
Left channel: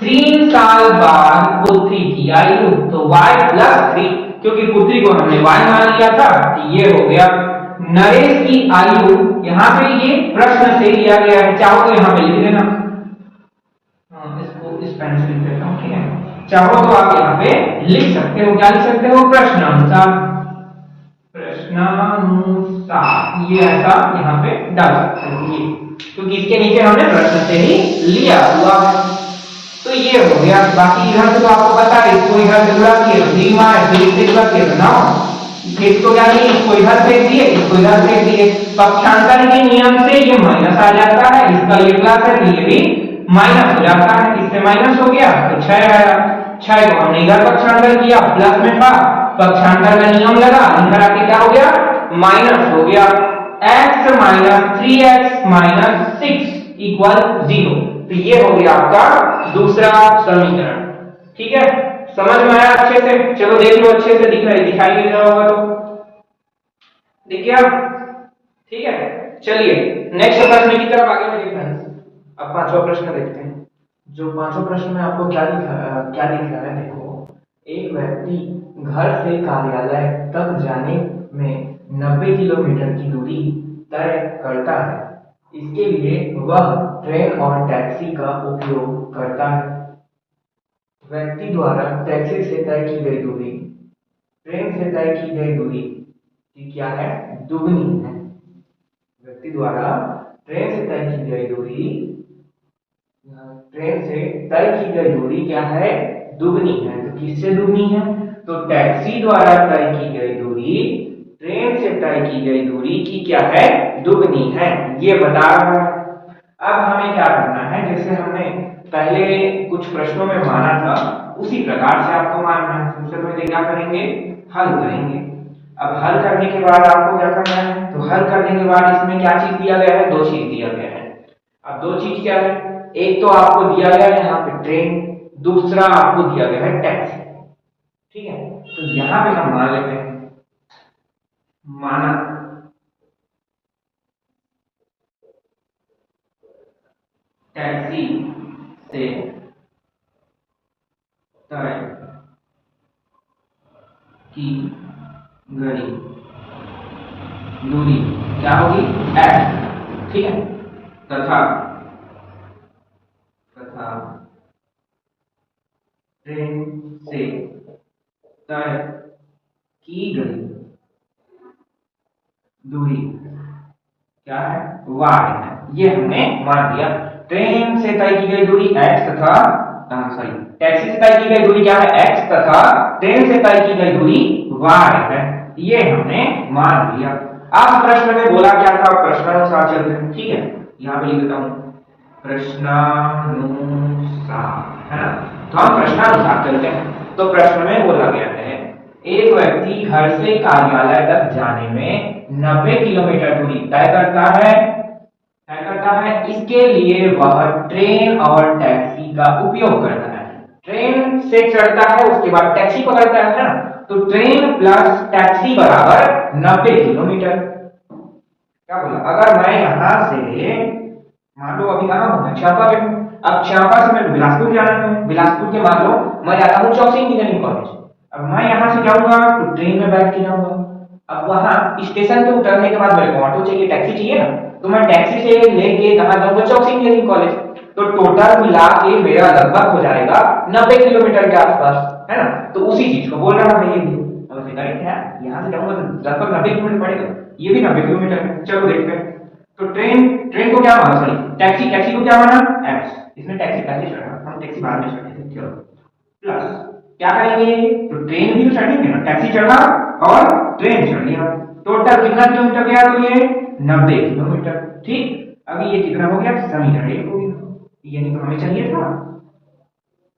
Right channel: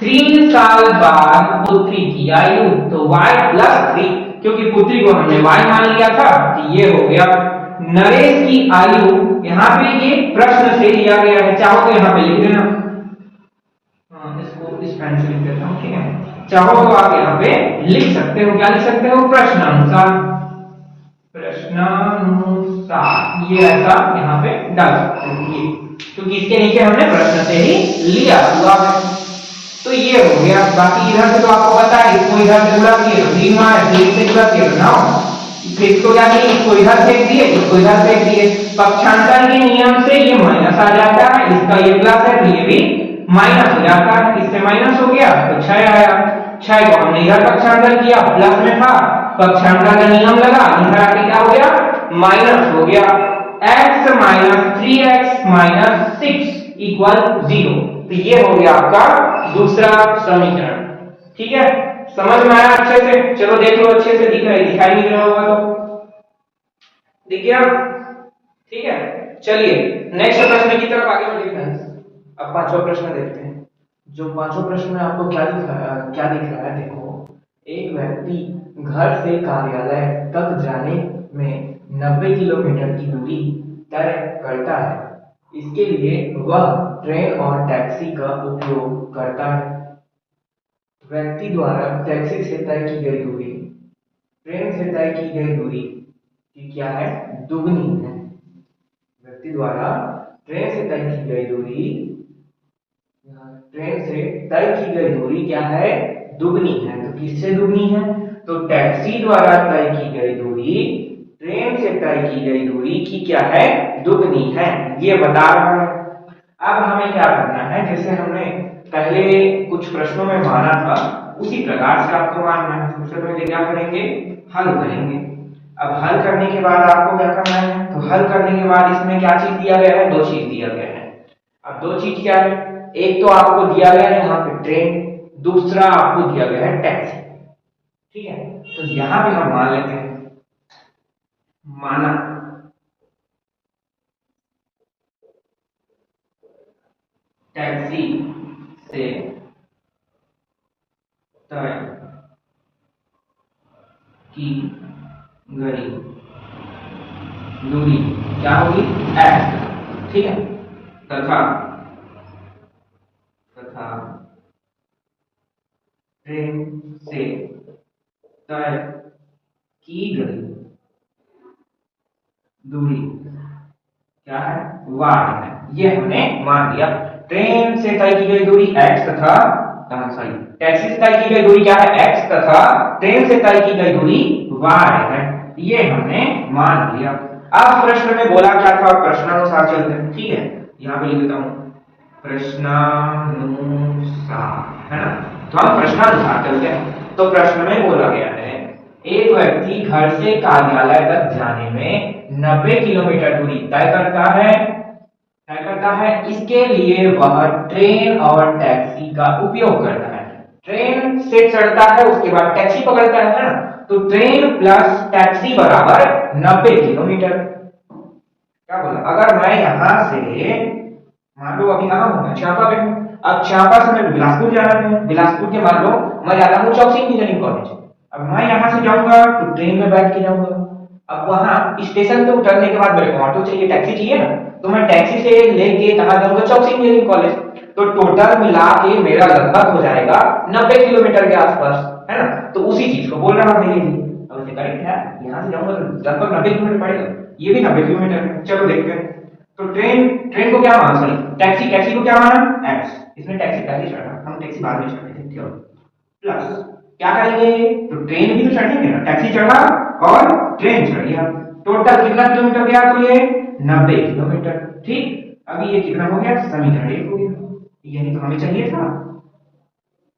3 साल बाद पुत्री की आयु तो y प्लस 3, क्योंकि पुत्री को हमने y मान लिया था तो ये हो गया। नरेश की आयु यहाँ पे ये प्रश्न से लिया गया है, चाहो तो यहाँ पे लिख देना। इसको इस पेन से लिख देता हूँ, ठीक है? चाहो तो आप यहाँ पे लिख सकते हो, क्या लिख सकते हो? प्रश्नानुसार, प्रश्नानुसार ये ऐसा यहाँ पे डाल सकते हो, ये क्योंकि इसके नीचे हमने प्रश्न से ही लिया हुआ है। तो ये हो गया। बाकी इधर से तो आपको पता है, इसको इधर से जुड़ा दिए तो 3 मार है, 3 से जुड़ा दिए तो 9, इसको क्या किए, इसको इधर फेंक दिए, इसको इधर फेंक दिए, पक्षांतर के नियम से ये माइनस आ जाता है, इसका ये प्लस है तो ये भी माइनस हो जाता है, इससे माइनस हो गया तो 6 आया, 6 को हमने इधर पक्षांतर किया, प्लस में था, पक्षांतर का नियम लगा, इधर आके क्या हो गया, माइनस हो गया, x minus 3x minus 6 equal 0। तो ये हो गया आपका दूसरा समीकरण। ठीक है, समझ में आया अच्छे से? चलो देख लो, अच्छे से दिख रहा है, दिखाई नहीं दे रहा होगा तो दिख गया? ठीक है, चलिए नेक्स्ट प्रश्न की तरफ आगे बढ़िए फ्रेंड्स। अब पांचवा प्रश्न देखते हैं। जो पांचवा प्रश्न में आपको क्या दिख रहा है, देखो, एक व्यक्ति घर से कार्यालय तक जाने में 90 किलोमीटर की दूरी तय करता है। इसके लिए वह ट्रेन और टैक्सी का उपयोग करता है। व्यक्ति द्वारा टैक्सी से तय की गई दूरी ट्रेन से तय की गई दूरी की क्या है, दुगनी है। व्यक्ति द्वारा ट्रेन से तय की गई दूरी क्या है, दुगनी है। तो किससे दुगनी है, तो टैक्सी द्वारा तय की गई दूरी ट्रेन से तय की गई दूरी की क्या है, दुगनी है, ये बता रहा है। अब हमें क्या करना है, जैसे हमने पहले कुछ प्रश्नों में माना था उसी प्रकार से आपको मानना है। सबसे पहले क्या करेंगे, हल करेंगे। अब हल करने के बाद आपको क्या करना है, तो हल करने के बाद इसमें क्या चीज दिया गया है, 2 चीज दिया गया है। अब 2 चीज क्या है, एक तो आपको दिया गया है यहाँ पे ट्रेन, दूसरा आपको दिया गया है टैक्सी। ठीक है, तो यहां पे हम मान लेते हैं, माना टैक्सी से तय की गई दूरी क्या होगी, x। ठीक है, तथा ट्रेन से तय की गई दूरी क्या है, y है। ये हमने मान लिया, ट्रेन से तय की गई दूरी x तथा टैक्सी से तय की गई दूरी क्या है, x तथा ट्रेन से तय की गई दूरी y है। ये हमने मान लिया। अब प्रश्न में बोला क्या था, प्रश्नानुसार चलते हैं। ठीक है, यहाँ पे लिख देता हूं प्रश्नानुसार, है ना। तो हम प्रश्नानुसार चलते हैं। तो प्रश्न में बोला गया है, एक व्यक्ति घर से कार्यालय तक जाने में 90 किलोमीटर दूरी तय करता है। इसके लिए वह ट्रेन और टैक्सी का उपयोग करता है। ट्रेन से चढ़ता है, उसके बाद टैक्सी पकड़ता है ना। तो ट्रेन प्लस टैक्सी बराबर 90 किलोमीटर। क्या बोला, अगर मैं यहां से मान लो अभी कहां हूं, मैं चांपा पे हूं। अब चांपा से मैं बिलासपुर जाना है, बिलासपुर के मान लो मैं जाता हूं चौकसी इंजीनियरिंग कॉलेज। अब मैं यहां से जाऊंगा तो ट्रेन में बैठ के जाऊंगा। अब वहां स्टेशन पे उतरने के बाद मेरे को ऑटो चाहिए, टैक्सी चाहिए ना, तो मैं टैक्सी से लेके कहां जाऊंगा, चौकसी इंजीनियरिंग कॉलेज। तो टोटल मिला के मेरा लगभग हो जाएगा 90 किलोमीटर के आसपास, है ना। तो उसी चीज को बोल रहा है ये भी। अब इसे करेक्ट है, यहां से जाऊंगा तो लगभग 90 किलोमीटर पड़ेगा, ये भी 90 किलोमीटर है। चलो देखते हैं। तो ट्रेन को क्या माना, सॉरी टैक्सी को क्या माना, x। इसमें टैक्सी पहले चढ़ा, हम टैक्सी बाद में चढ़े थे, प्लस क्या करेंगे, तो ट्रेन भी तो चढ़ेंगे ना, टैक्सी चढ़ा और ट्रेन चढ़ गया। टोटल कितना किलोमीटर गया, तो ये 90 किलोमीटर। ठीक, अभी ये कितना हो गया, समीकरण 1 हो गया। यही तो हमें चाहिए था,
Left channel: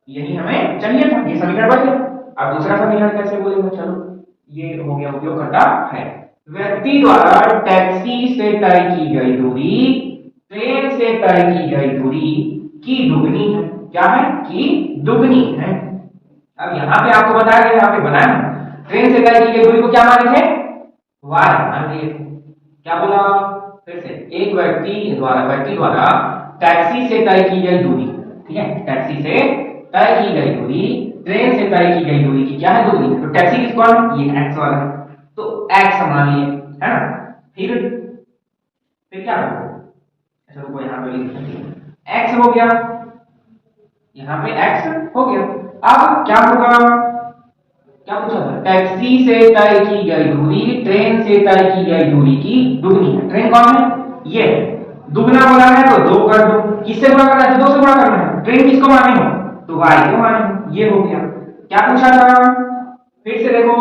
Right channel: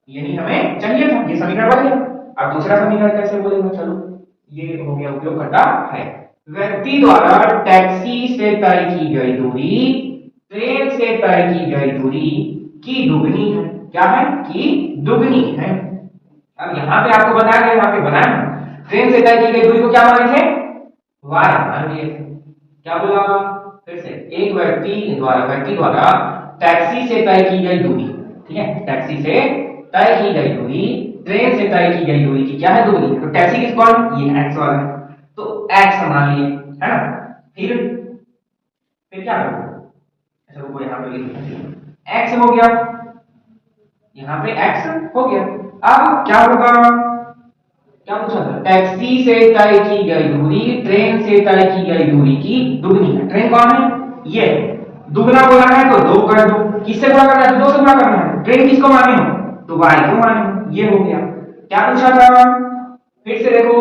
ये समीकरण बन गया। अब दूसरा समीकरण कैसे बोलेंगे, चलो ये हो गया, उपयोगकर्ता है। व्यक्ति द्वारा टैक्सी से तय की गई दूरी ट्रेन से तय की गई दूरी की दुगनी है। क्या है, की दुगनी है। अब यहाँ पे आपको बताया गया, यहाँ पे बनाया ट्रेन से तय की गई दूरी को क्या माने थे, y मान लिए थे। क्या बोला फिर से, एक व्यक्ति द्वारा टैक्सी से तय की गई दूरी, ठीक है, टैक्सी से तय की गई दूरी ट्रेन से तय की गई दूरी की क्या है, दुगनी। तो टैक्सी किस कौन, ये x वाला है, तो x मान लिए, है ना। फिर क्या करोगे, ऐसा रुको यहाँ पे लिख देते हैं, x हो गया, यहाँ पे x हो गया। अब क्या होगा, क्या पूछा था, टैक्सी से तय की गई दूरी ट्रेन से तय की गई दूरी की दुगनी है। ट्रेन कौन है, ये दुगना बोला है तो 2 कर दो, किससे गुणा करना है, 2 से गुणा करना है। ट्रेन किसको माने हो, तो y को माने हो, ये हो गया। क्या पूछा था, फिर से देखो,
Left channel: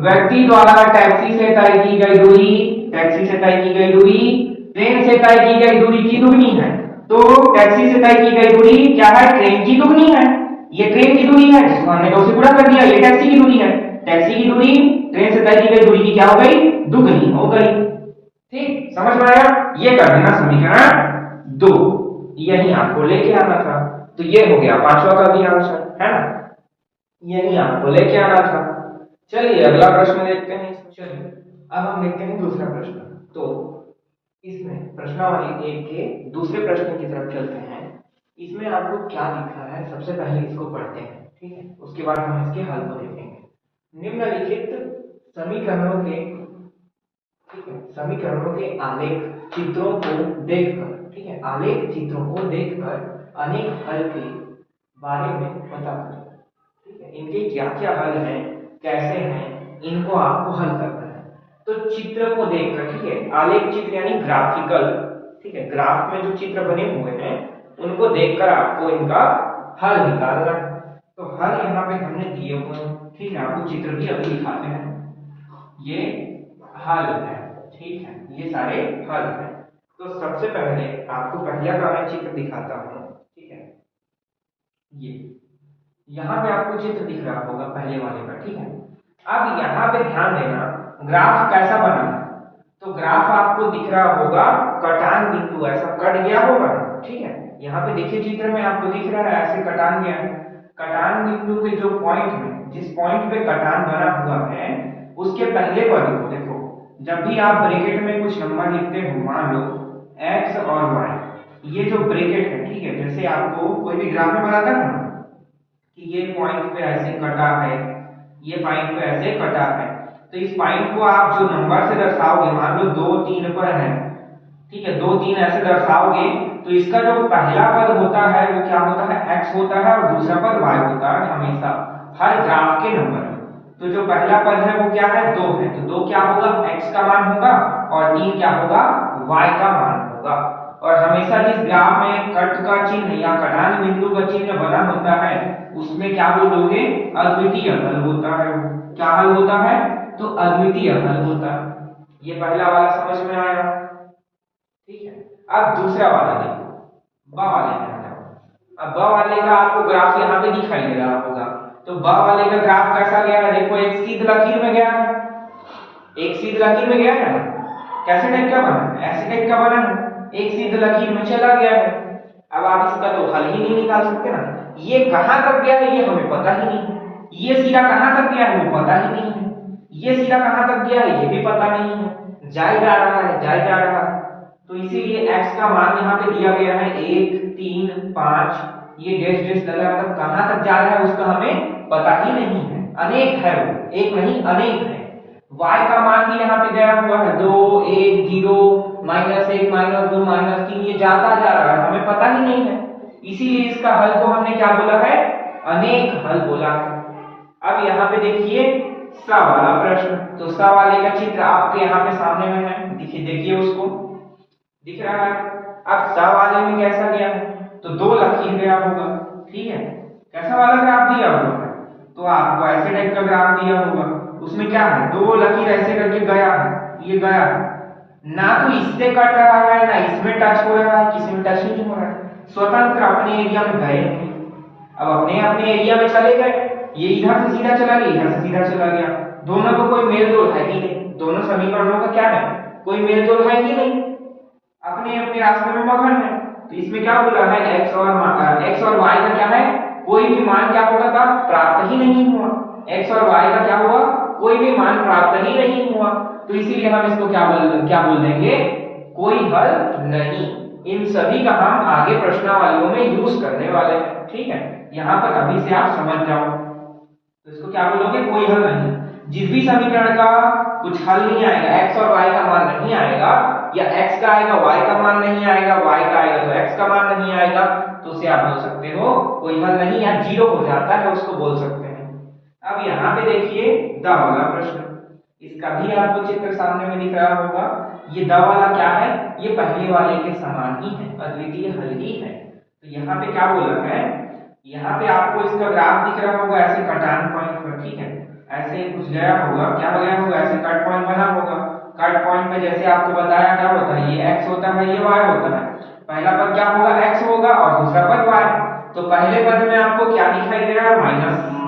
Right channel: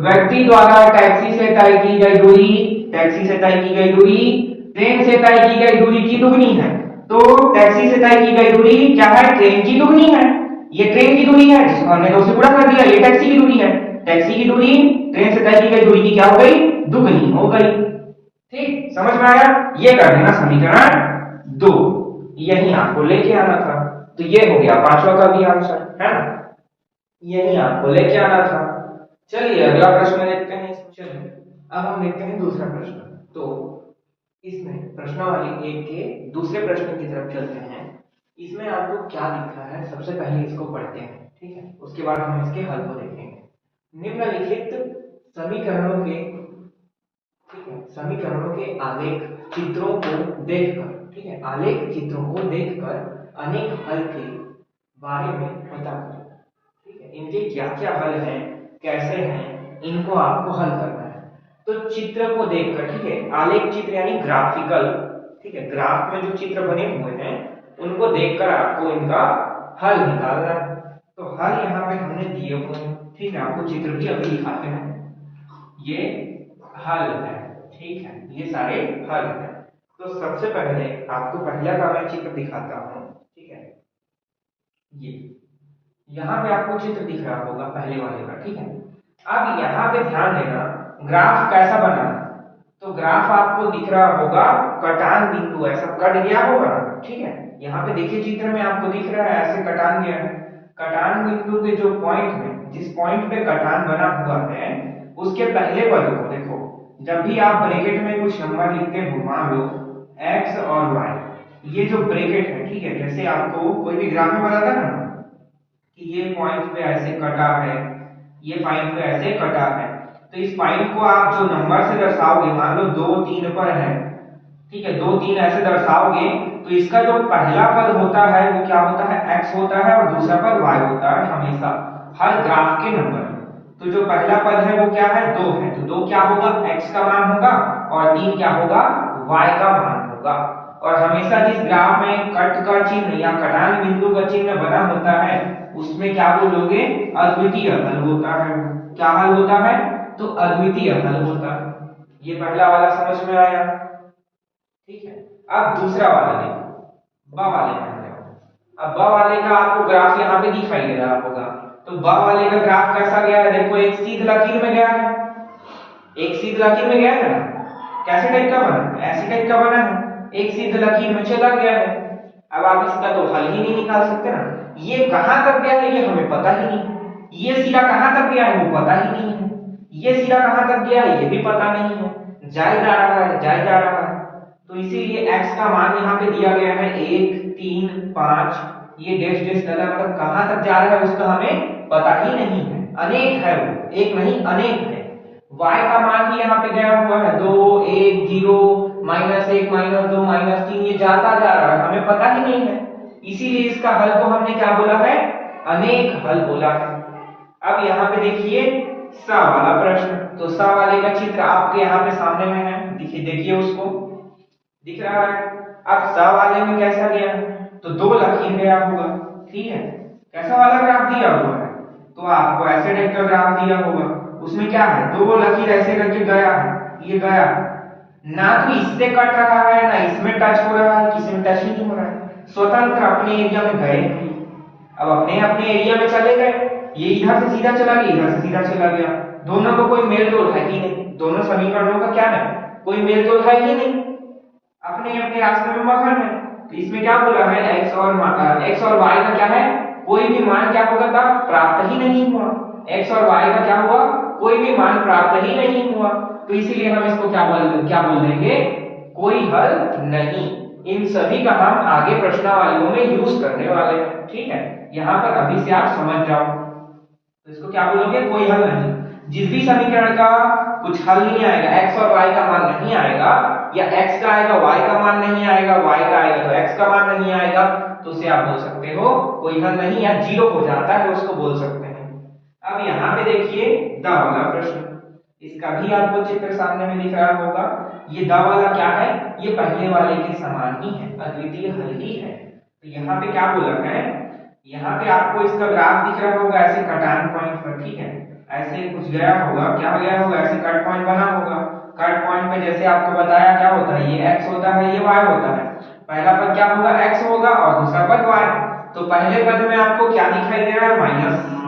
व्यक्ति द्वारा टैक्सी से तय की गई दूरी, टैक्सी से तय की गई दूरी ट्रेन से तय की गई दूरी की दुगनी है। तो टैक्सी से तय की गई दूरी क्या है, ट्रेन की दुगनी है। ये ट्रेन की दूरी है जिसको हमने 2 से गुणा कर दिया, ये टैक्सी की दूरी है। टैक्सी की दूरी ट्रेन से तय की गई दूरी की क्या हो गई, दुगनी हो गई। ठीक, समझ में आया? ये कर देना समीकरण 2, यही आपको लेके आना था। तो ये हो गया 5वां का भी आंसर, है ना? यही आपको लेके आना था। चलिए अगला प्रश्न देखते हैं। चलिए अब हम देखते हैं दूसरा प्रश्न। तो इसमें प्रश्नावली 1 के दूसरे प्रश्न की तरफ चलते हैं। इसमें आपको क्या लिखा है, सबसे पहले इसको पढ़ते हैं, ठीक है? उसके बाद हम इसके हल को देखेंगे। निम्नलिखित समीकरणों के, ठीक है, समीकरणों के आलेख चित्रों को देखकर, ठीक है, आलेख चित्रों को देखकर अनेक हल के बारे में पता करें। ठीक है, इनके क्या क्या हल हैं, कैसे हैं, इनको आपको हल करना है। तो चित्र को देखकर, ठीक है, आलेख चित्र यानी ग्राफिकल, ठीक है, ग्राफ में जो चित्र बने हुए हैं उनको देखकर आपको इनका हल निकालना है। तो हल यहाँ पे हमने दिए हुए हैं, ठीक है, आपको चित्र भी अभी दिखाते हैं। ये हल है, ठीक है, ये सारे हल हैं। तो सबसे पहले आपको पहला का मैं चित्र दिखाता हूँ, ठीक है। ये यहाँ पे आपको चित्र दिख रहा होगा पहले वाले का, ठीक है। अब यहाँ पे ध्यान देना ग्राफ कैसा बना है। तो ग्राफ आपको दिख रहा होगा कटान बिंदु ऐसा कट गया होगा, ठीक है। यहाँ पे देखिए चित्र में आपको दिख रहा है ऐसे कटान गया है। कटान बिंदु के जो पॉइंट में, जिस पॉइंट पे कटान बना हुआ है उसके पहले पद को देखो। जब भी आप ब्रैकेट में कुछ नंबर लिखते हो, मान लो x और y, ये जो ब्रैकेट है, ठीक है, जैसे आपको कोई भी ग्राफ में बताता है ना कि ये पॉइंट पे ऐसे कटा है, ये पॉइंट पे ऐसे कटा है, तो इस पॉइंट को आप जो नंबर से दर्शाओगे, मान लो 2 3 पर है, ठीक है, 2 3 ऐसे दर्शाओगे, तो इसका जो पहला पद होता है वो क्या होता है, x होता है, और दूसरा पद y होता है हमेशा हर ग्राफ के नंबर में। तो जो पहला पद है वो क्या है, 2 है, तो 2 क्या होगा, x का मान होगा, और 3 क्या होगा, y का मान होगा। और हमेशा जिस ग्राफ में कट का चिन्ह या कटान बिंदु का चिन्ह बना होता है उसमें क्या बोलोगे, अद्वितीय हल होता है। क्या हल होता है, तो अद्वितीय हल होता है। ये पहला वाला समझ में आया, ठीक है। अब दूसरा वाला देखो, ब वाले में आ जाओ। अब ब वाले का आपको ग्राफ यहाँ पे दिखाई दे रहा होगा। तो ब वाले का ग्राफ कैसा गया है, देखो एक सीधी लकीर में गया है, एक सीधी लकीर में गया है ना। कैसे टाइप का बना, ऐसे टाइप का बना है, एक सीधी लकीर में चला गया है। अब आप इसका तो हल ही नहीं निकाल सकते ना। ये कहां तक गया है ये हमें पता ही नहीं है, ये सिरा कहां तक गया है वो पता ही नहीं है, ये सिरा कहां तक गया है ये भी पता नहीं है, जाए जा रहा है, जाए जा रहा है। तो इसीलिए x का मान यहाँ पे दिया गया है 1 3 5, ये डैश डैश लगा, मतलब कहां तक जा रहा है उसका हमें पता ही नहीं है, अनेक है वो, एक नहीं अनेक है। y का मान भी यहाँ पे गया हुआ है 2 1 0 -1 -2 -3, ये जाता जा रहा है, हमें पता ही नहीं है। इसीलिए इसका हल को हमने क्या बोला है, अनेक हल बोला है। अब यहाँ पे देखिए सा वाला प्रश्न। तो सा वाले का चित्र आपके यहाँ पे सामने में है, देखिए देखिए उसको दिख रहा है। अब सा वाले में कैसा गया है, तो 2 लकीर गया होगा, ठीक है। कैसा वाला ग्राफ दिया हुआ है, तो आपको ऐसे टाइप का ग्राफ दिया होगा, उसमें क्या है 2 लकीर ऐसे करके गया है, ये गया ना, तो इससे कट रहा है ना इसमें टच हो रहा है, किसी में टच ही नहीं हो रहा है, स्वतंत्र अपने एरिया में गए। अब अपने अपने एरिया में चले गए, ये इधर से सीधा चला गया, इधर से सीधा चला गया, दोनों को कोई मेल जोल है ही नहीं, दोनों समीकरणों का क्या है, कोई मेल जोल है ही नहीं, अपने अपने रास्ते में मगन है। तो इसमें क्या बोला है, x और y का क्या है, कोई भी मान क्या होगा था, प्राप्त ही नहीं हुआ। x और y का क्या हुआ, कोई भी मान प्राप्त ही नहीं हुआ। तो इसीलिए हम इसको क्या बोल देंगे, कोई हल नहीं। इन सभी का हम आगे प्रश्नावलियों में यूज करने वाले हैं, ठीक है। यहाँ पर अभी से आप समझ जाओ। तो इसको क्या बोलोगे, कोई हल नहीं। जिस भी समीकरण का कुछ हल नहीं आएगा, x और y का मान नहीं आएगा, या x का आएगा y का मान नहीं आएगा, y का आएगा तो x का मान नहीं आएगा, तो उसे आप बोल सकते हो कोई हल नहीं, या जीरो हो जाता है उसको बोल सकते हैं। अब यहाँ पे देखिए द वाला प्रश्न, इसका भी आपको चित्र सामने में दिख रहा होगा। ये द वाला क्या है, ये पहले वाले के समान ही है, अद्वितीय हल ही है। तो यहाँ पे क्या बोला है, यहाँ पे आपको इसका ग्राफ दिख रहा होगा ऐसे कटान पॉइंट पर, ठीक है, ऐसे कुछ गया होगा, क्या गया होगा, ऐसे कट पॉइंट बना होगा। कट पॉइंट पे जैसे आपको बताया क्या होता है, ये x होता है, ये y होता है। पहला पद क्या होगा, x होगा और दूसरा पद y। तो पहले पद में आपको क्या दिखाई दे रहा है,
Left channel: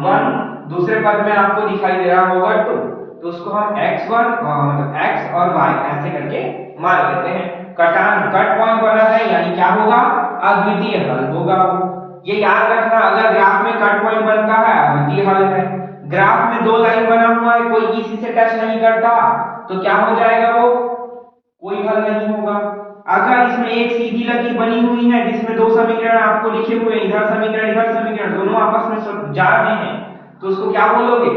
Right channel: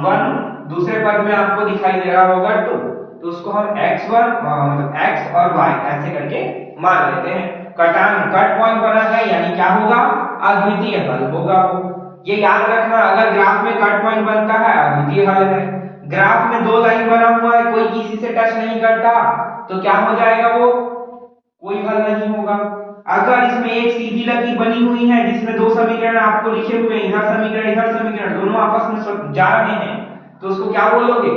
-1, दूसरे पद में आपको दिखाई दे रहा होगा 2। तो उसको हम x1 मतलब x और y ऐसे करके मान लेते हैं। कट पॉइंट बना है यानी क्या होगा, अद्वितीय हल होगा वो। ये याद रखना, अगर ग्राफ में कट पॉइंट बनता है अद्वितीय हल है। ग्राफ में दो लाइन बना हुआ है, कोई किसी से टच नहीं करता, तो क्या हो जाएगा, वो कोई हल नहीं होगा। अगर इसमें एक सीधी लकीर बनी हुई है जिसमें दो समीकरण आपको लिखे हुए हैं, इधर समीकरण दोनों आपस में जा रहे हैं, तो उसको क्या बोलोगे,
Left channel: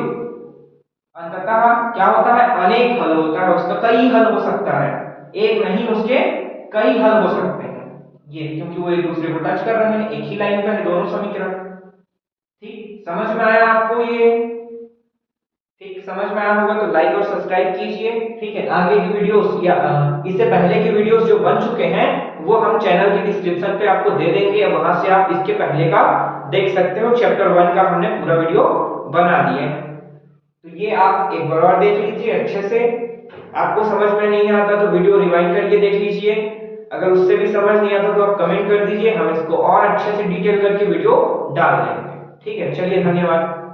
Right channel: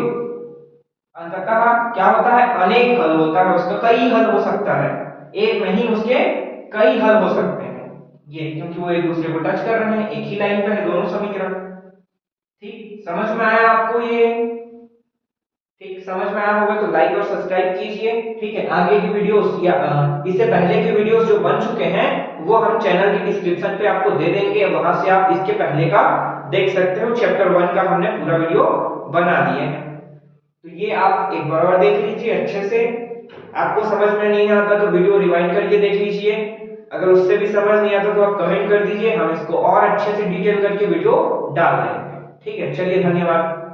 अंततः क्या होता है, अनेक हल होता है, उसका कई हल हो सकता है, एक नहीं उसके कई हल हो सकते हैं। ये क्योंकि वो एक दूसरे को टच कर रहे हैं, एक ही लाइन पे है दोनों समीकरण। ठीक, समझ में आया आपको ये? ठीक, समझ में आया होगा तो लाइक और सब्सक्राइब कीजिए। ठीक है, आगे की वीडियोस या इससे पहले के वीडियोस जो बन चुके हैं वो हम चैनल के डिस्क्रिप्शन पे आपको दे देंगे, वहां से आप इसके पहले का देख सकते हो। चैप्टर 1 का हमने पूरा वीडियो बना दिए हैं, तो ये आप एक बार और देख लीजिए अच्छे से। आपको समझ में नहीं आता तो वीडियो रिवाइंड करके देख लीजिए। अगर उससे भी समझ नहीं आता तो आप कमेंट कर दीजिए, हम इसको और अच्छे से डिटेल करके वीडियो डाल देंगे। ठीक है, चलिए धन्यवाद।